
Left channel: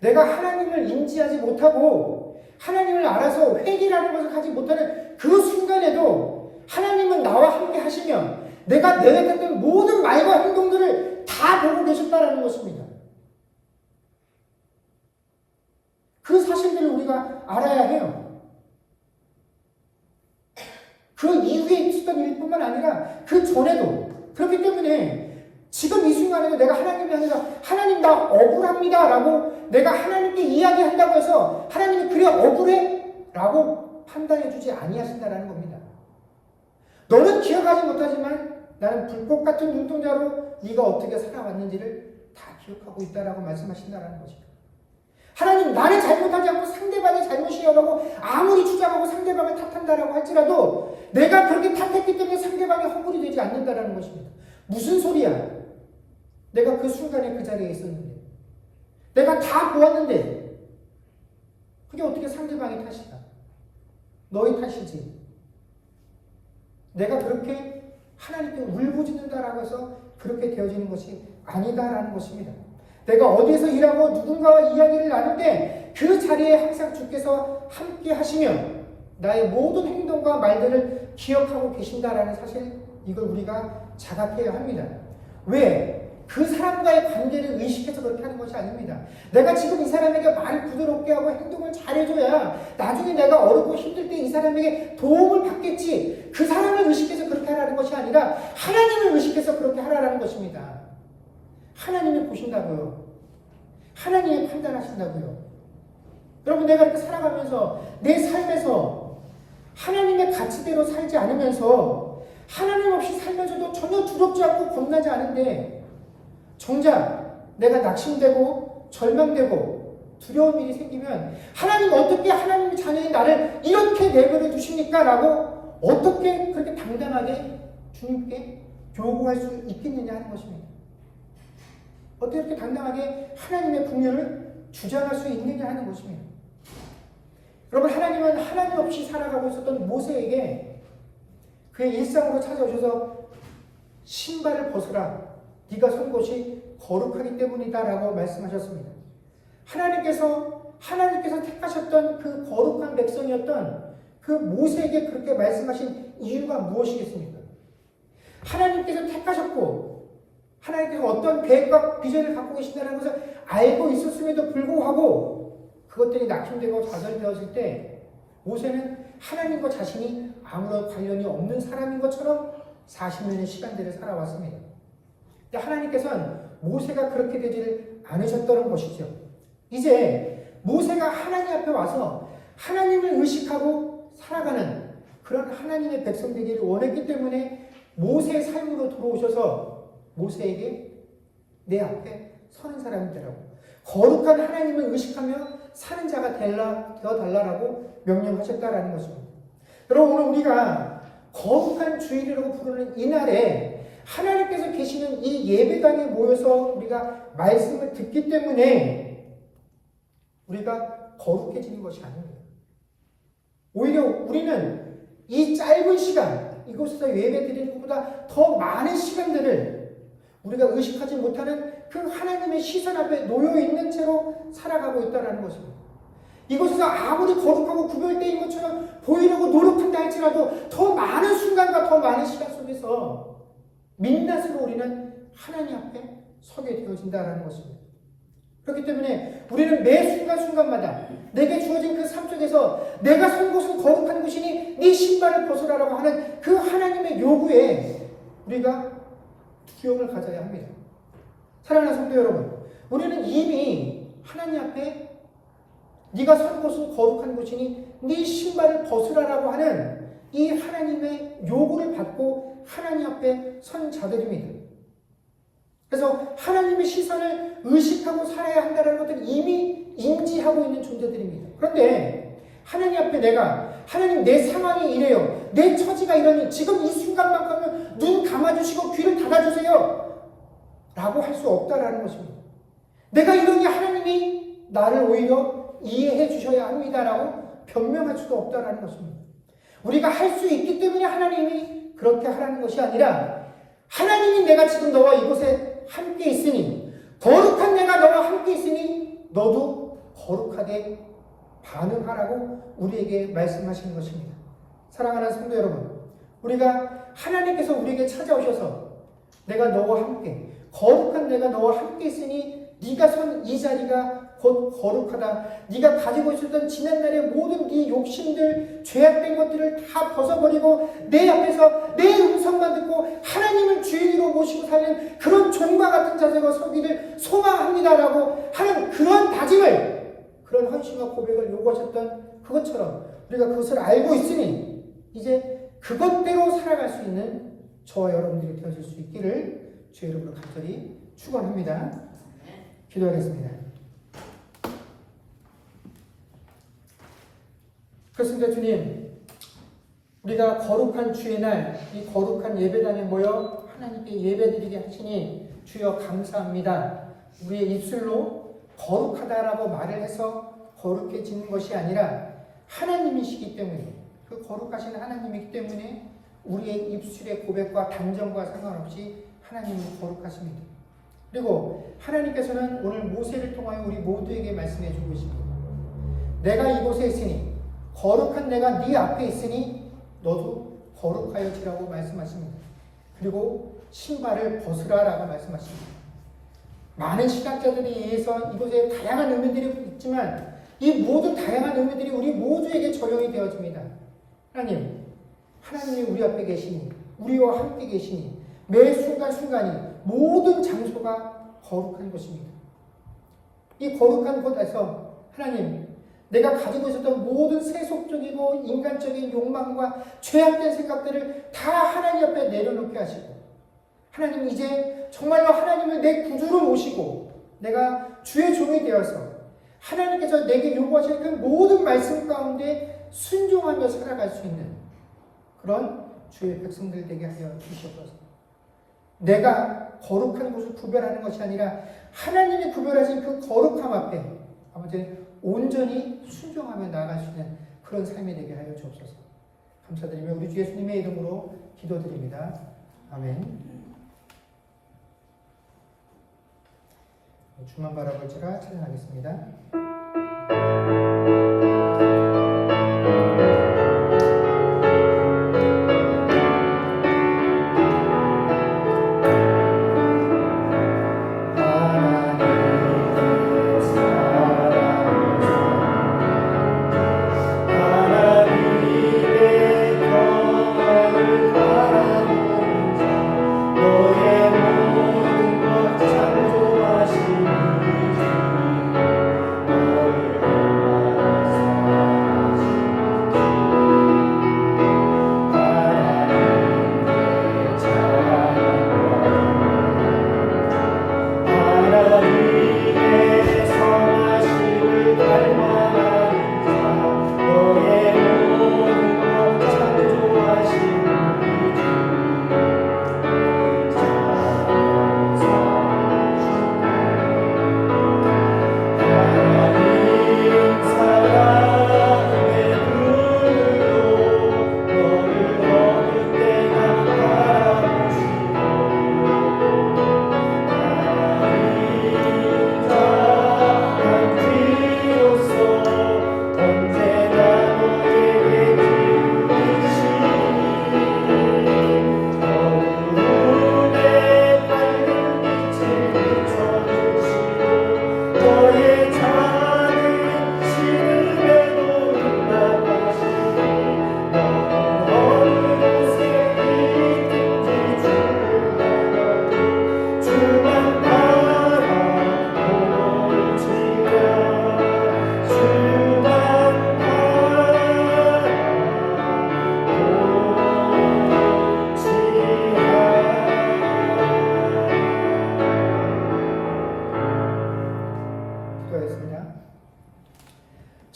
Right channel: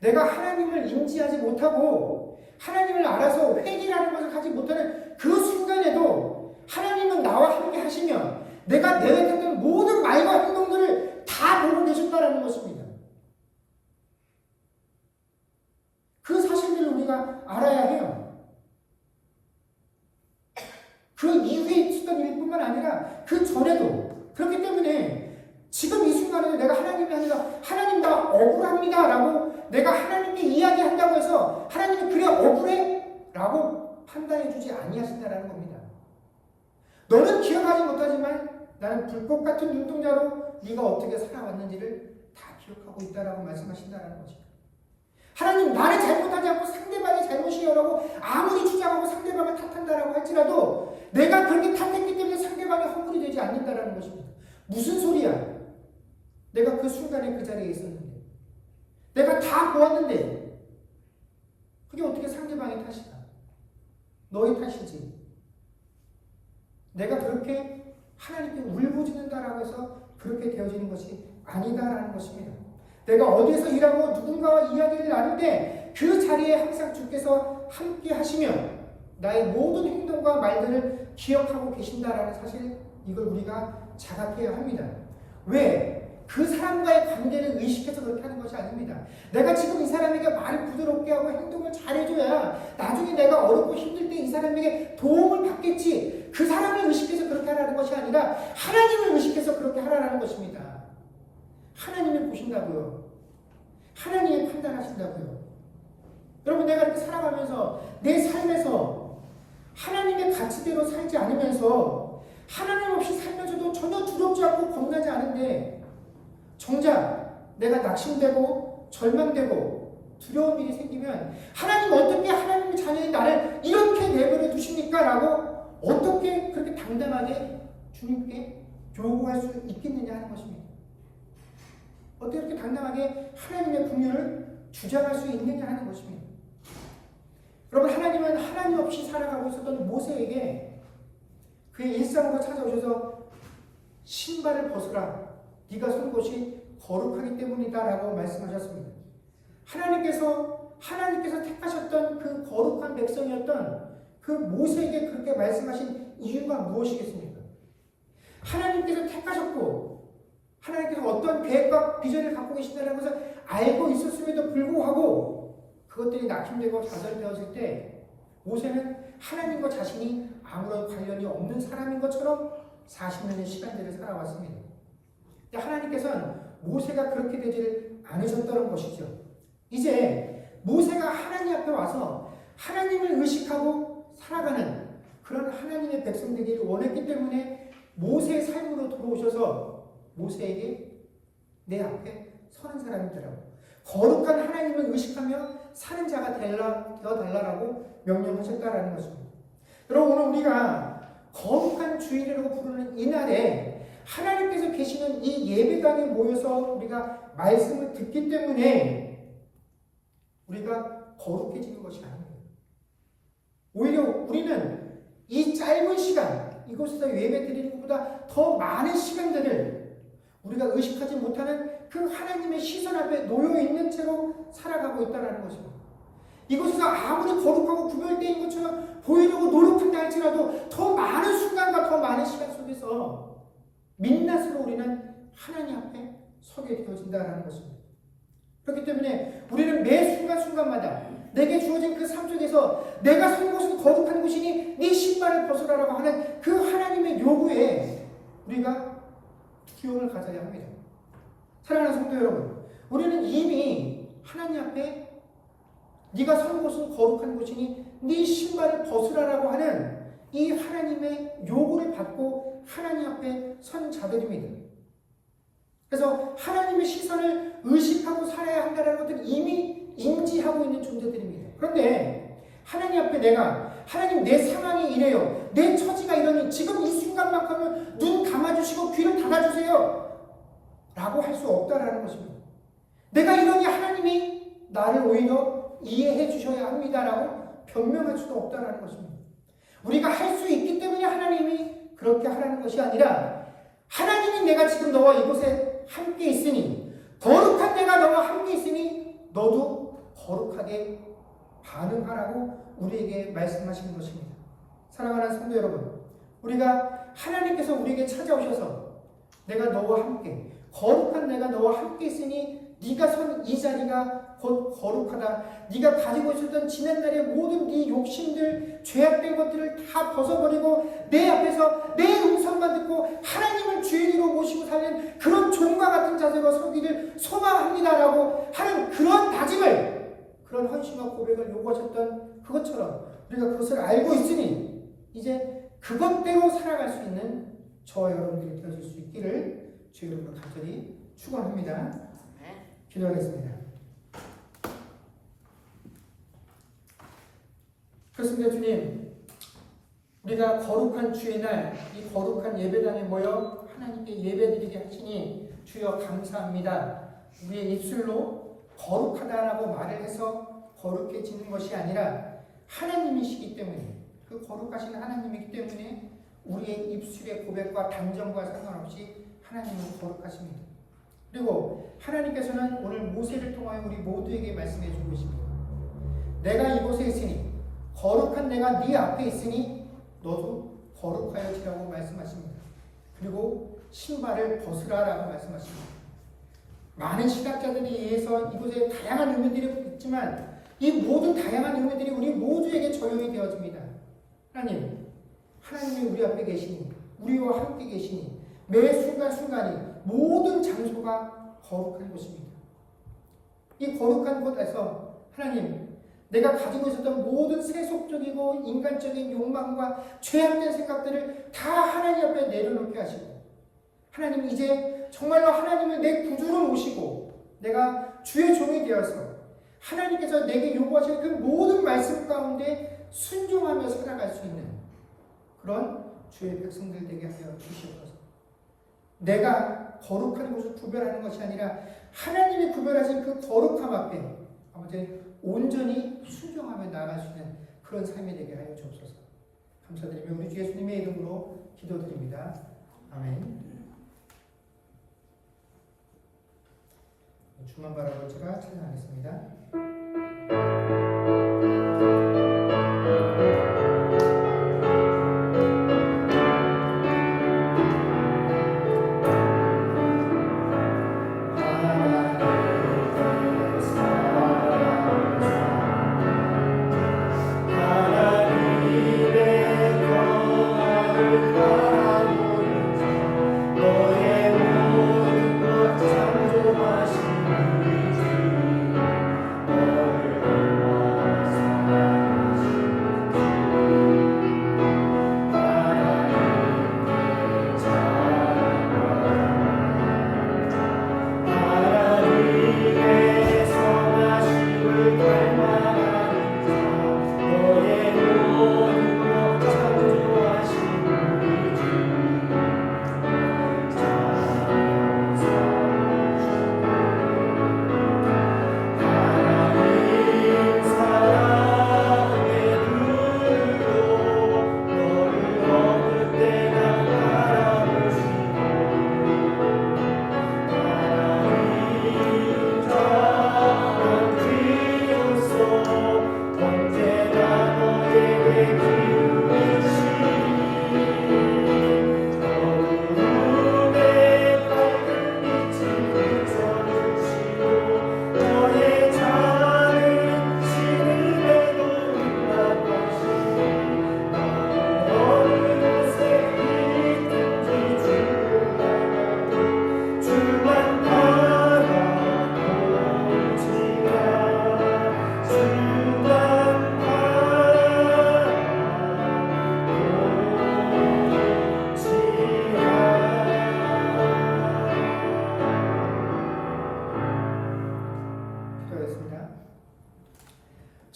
내가 하나님을 인지하지 못하고 하나님을 알아서 회개라는 것을 하지 못하는 그 순간에도 하나님은 나와 함께 하시면 내가 내뱉었던 모든 말과 행동들을 다 보고 계셨다는 것입니다. 그 사실들을 우리가 알아야 해요. 그 이후에 있었던 일뿐만 아니라 그 전에도. 그렇기 때문에 지금 이 순간에도 내가 하나님이 아니라 하나님 나 억울합니다 라고 내가 하나님께 이야기한다고 해서 하나님이 그래 억울해? 라고 판단해 주지 아니하신다는 겁니다. 너는 기억하지 못하지만 나는 불꽃 같은 눈동자로 네가 어떻게 살아왔는지를 다 기억하고 있다라고 말씀하신다는 것입니다. 하나님 나를 잘못하지 않고 상대방이 잘못이라고 아무리 주장하고 상대방을 탓한다라고 할지라도 내가 그렇게 탓했기 때문에 상대방이 허물이 되지 않는다라는 것입니다. 무슨 소리야? 내가 그 순간에 그 자리에 있었는데 내가 다 보았는데 그게 어떻게 상대방의 탓이야? 너의 탓이지. 내가 그렇게 하나님께 울부짖는다라고 해서 그렇게 되어지는 것이 아니다라는 것입니다. 내가 어디에서 일하고 누군가와 이야기를 나눌 때 그 자리에 항상 주께서 함께 하시면 나의 모든 행동과 말들을 기억하고 계신다라는 사실, 이걸 우리가 자각해야 합니다. 왜? 그 사람과의 관계를 의식해서 그렇게 하는 것이 아닙니다. 내가 지금 이 사람에게 말을 부드럽게 하고 행동을 잘해줘야 나중에 내가 어렵고 힘들 때 이 사람에게 도움을 받겠지. 그 사람을 의식해서 그렇게 하라는 것이 아니라 하나님을 의식해서 그렇게 하라는 것입니다. 하나님이 보신다고요. 하나님이 판단하신다고요. 여러분, 내가 이렇게 살아가면서 내 삶에서 하나님의 가치대로 살지 않으면서 하나님 없이 살면서도 전혀 두렵지 않고 겁나지 않은데 정작 내가 낙심되고 절망되고 두려운 일이 생기면 하나님 어떻게 하나님의 자녀인 나를 이렇게 내버려 두십니까? 라고 어떻게 그렇게 당당하게 주님께 요구할 수 있겠느냐 하는 것입니다. 어떻게 이렇게 당당하게 하나님의 국면을 주장할 수 있느냐 하는 것입니다. 여러분, 하나님은 하나님 없이 살아가고 있었던 모세에게 그의 일상으로 찾아오셔서 신발을 벗으라. 네가 선 곳이 거룩하기 때문이다 라고 말씀하셨습니다. 하나님께서 택하셨던 그 거룩한 백성이었던 그 모세에게 그렇게 말씀하신 이유가 무엇이겠습니까? 하나님께서 택하셨고 하나님께서 어떤 계획과 비전을 갖고 계신다는 것을 알고 있었음에도 불구하고 그것들이 낙심되고 좌절되었을 때 모세는 하나님과 자신이 아무런 관련이 없는 사람인 것처럼 40년의 시간들을 살아왔습니다. 하나님께서는 모세가 그렇게 되지를 않으셨다는 것이죠. 이제 모세가 하나님 앞에 와서 하나님을 의식하고 살아가는 그런 하나님의 백성 되기를 원했기 때문에 모세의 삶으로 들어오셔서 모세에게 내 앞에 서는 사람이 되라고, 거룩한 하나님을 의식하며 사는 자가 되어달라고 명령하셨다라는 것입니다. 여러분, 오늘 우리가 거룩한 주일이라고 부르는 이날에 하나님께서 계시는 이 예배당에 모여서 우리가 말씀을 듣기 때문에 우리가 거룩해지는 것이 아닙니다. 오히려 우리는 이 짧은 시간, 이곳에서 예배 드리는 것보다 더 많은 시간들을 우리가 의식하지 못하는 그 하나님의 시선 앞에 놓여있는 채로 살아가고 있다는 것입니다. 이곳에서 아무리 거룩하고 구별되어 것처럼 보이려고 노력한다 할지라도 더 많은 순간과 더 많은 시간 속에서 민낯으로 우리는 하나님 앞에 서게 되어진다는 것입니다. 그렇기 때문에 우리는 매 순간순간마다 내게 주어진 그 삶 속에서 내가 선 곳은 거룩한 곳이니 네 신발을 벗으라라고 하는 그 하나님의 요구에 우리가 두려움을 가져야 합니다. 사랑하는 성도 여러분, 우리는 이미 하나님 앞에 네가 선 곳은 거룩한 곳이니 네 신발을 벗으라라고 하는 이 하나님의 요구를 받고 하나님 앞에 선 자들입니다. 그래서 하나님의 시선을 의식하고 살아야 한다는 것들은 이미 인지하고 있는 존재들입니다. 그런데 하나님 앞에 내가 하나님 내 상황이 이래요, 내 처지가 이러니 지금 이 순간만큼은 눈 감아주시고 귀를 닫아주세요 라고 할 수 없다라는 것입니다. 내가 이러니 하나님이 나를 오히려 이해해 주셔야 합니다라고 변명할 수도 없다라는 것입니다. 우리가 할 수 있기 때문에 하나님이 그렇게 하라는 것이 아니라 하나님이 내가 지금 너와 이곳에 함께 있으니, 거룩한 내가 너와 함께 있으니 너도 거룩하게 반응하라고 우리에게 말씀하시는 것입니다. 사랑하는 성도 여러분, 우리가 하나님께서 우리에게 찾아오셔서 내가 너와 함께, 거룩한 내가 너와 함께 있으니 네가 선 이 자리가 곧 거룩하다. 네가 가지고 있었던 지난날의 모든 네 욕심들, 죄악된 것들을 다 벗어버리고 내 앞에서 내 음성만 듣고 하나님을 주인으로 모시고 사는 그런 종과 같은 자세가 서기를 소망합니다라고 하는 그런 다짐을, 그런 헌신과 고백을 요구하셨던 그것처럼 우리가 그것을 알고 있으니 이제 그것대로 살아갈 수 있는 저와 여러분들이 되어질 수 있기를 주의 이름으로 간절히 축원합니다. 기도하겠습니다. 그렇습니다. 주님, 우리가 거룩한 주의 날, 이 거룩한 예배당에 모여 하나님께 예배드리게 하시니 주여 감사합니다. 우리의 입술로 거룩하다라고 말을 해서 거룩해지는 것이 아니라 하나님이시기 때문에, 그 거룩하신 하나님이기 때문에 우리의 입술의 고백과 단정과 상관없이 하나님은 거룩하십니다. 그리고 하나님께서는 오늘 모세를 통하여 우리 모두에게 말씀해 주고 있습니다. 내가 이곳에 있으니, 거룩한 내가 네 앞에 있으니 너도 거룩하여지라고 말씀하십니다. 그리고 신발을 벗으라라고 말씀하십니다. 많은 신학자들에 의해서 이곳에 다양한 의미들이 있지만 이 모든 다양한 의미들이 우리 모두에게 적용이 되어집니다. 하나님이 우리 앞에 계시니, 우리와 함께 계시니 매 순간순간이 모든 장소가 거룩한 것입니다. 이 거룩한 곳에서 하나님, 내가 가지고 있었던 모든 세속적이고 인간적인 욕망과 죄악된 생각들을 다 하나님 앞에 내려놓게 하시고, 하나님 이제 정말로 하나님을 내 구주로 모시고 내가 주의 종이 되어서 하나님께서 내게 요구하시는 그 모든 말씀 가운데 순종하며 살아갈 수 있는 그런 주의 백성들 되게 하여 주시옵소서. 내가 거룩한 것을 구별하는 것이 아니라 하나님이 구별하신 그 거룩함 앞에 아버지 온전히 순종하며 나아갈 수 있는 그런 삶이 되게 하여 주옵소서. 감사드리며 우리 주 예수님의 이름으로 기도드립니다. 아멘. 주만 바라볼 자가 찬양하겠습니다.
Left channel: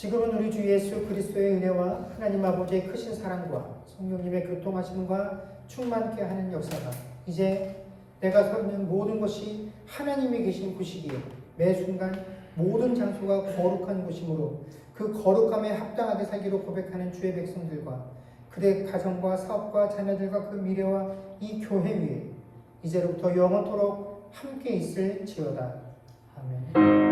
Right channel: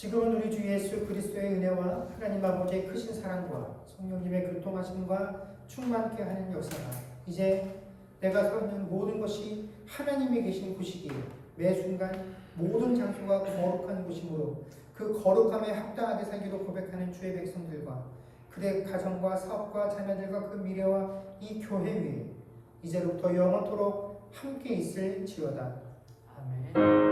지금은 우리 주 예수 그리스도의 은혜와 하나님 아버지의 크신 사랑과 성령님의 교통하심과 충만케 하는 역사가 이제 내가 서 있는 모든 것이 하나님이 계신 곳이기에 매 순간 모든 장소가 거룩한 곳이므로 그 거룩함에 합당하게 살기로 고백하는 주의 백성들과 그의 가정과 사업과 자녀들과 그 미래와 이 교회 위에 이제로부터 영원토록 함께 있을지어다. 아멘.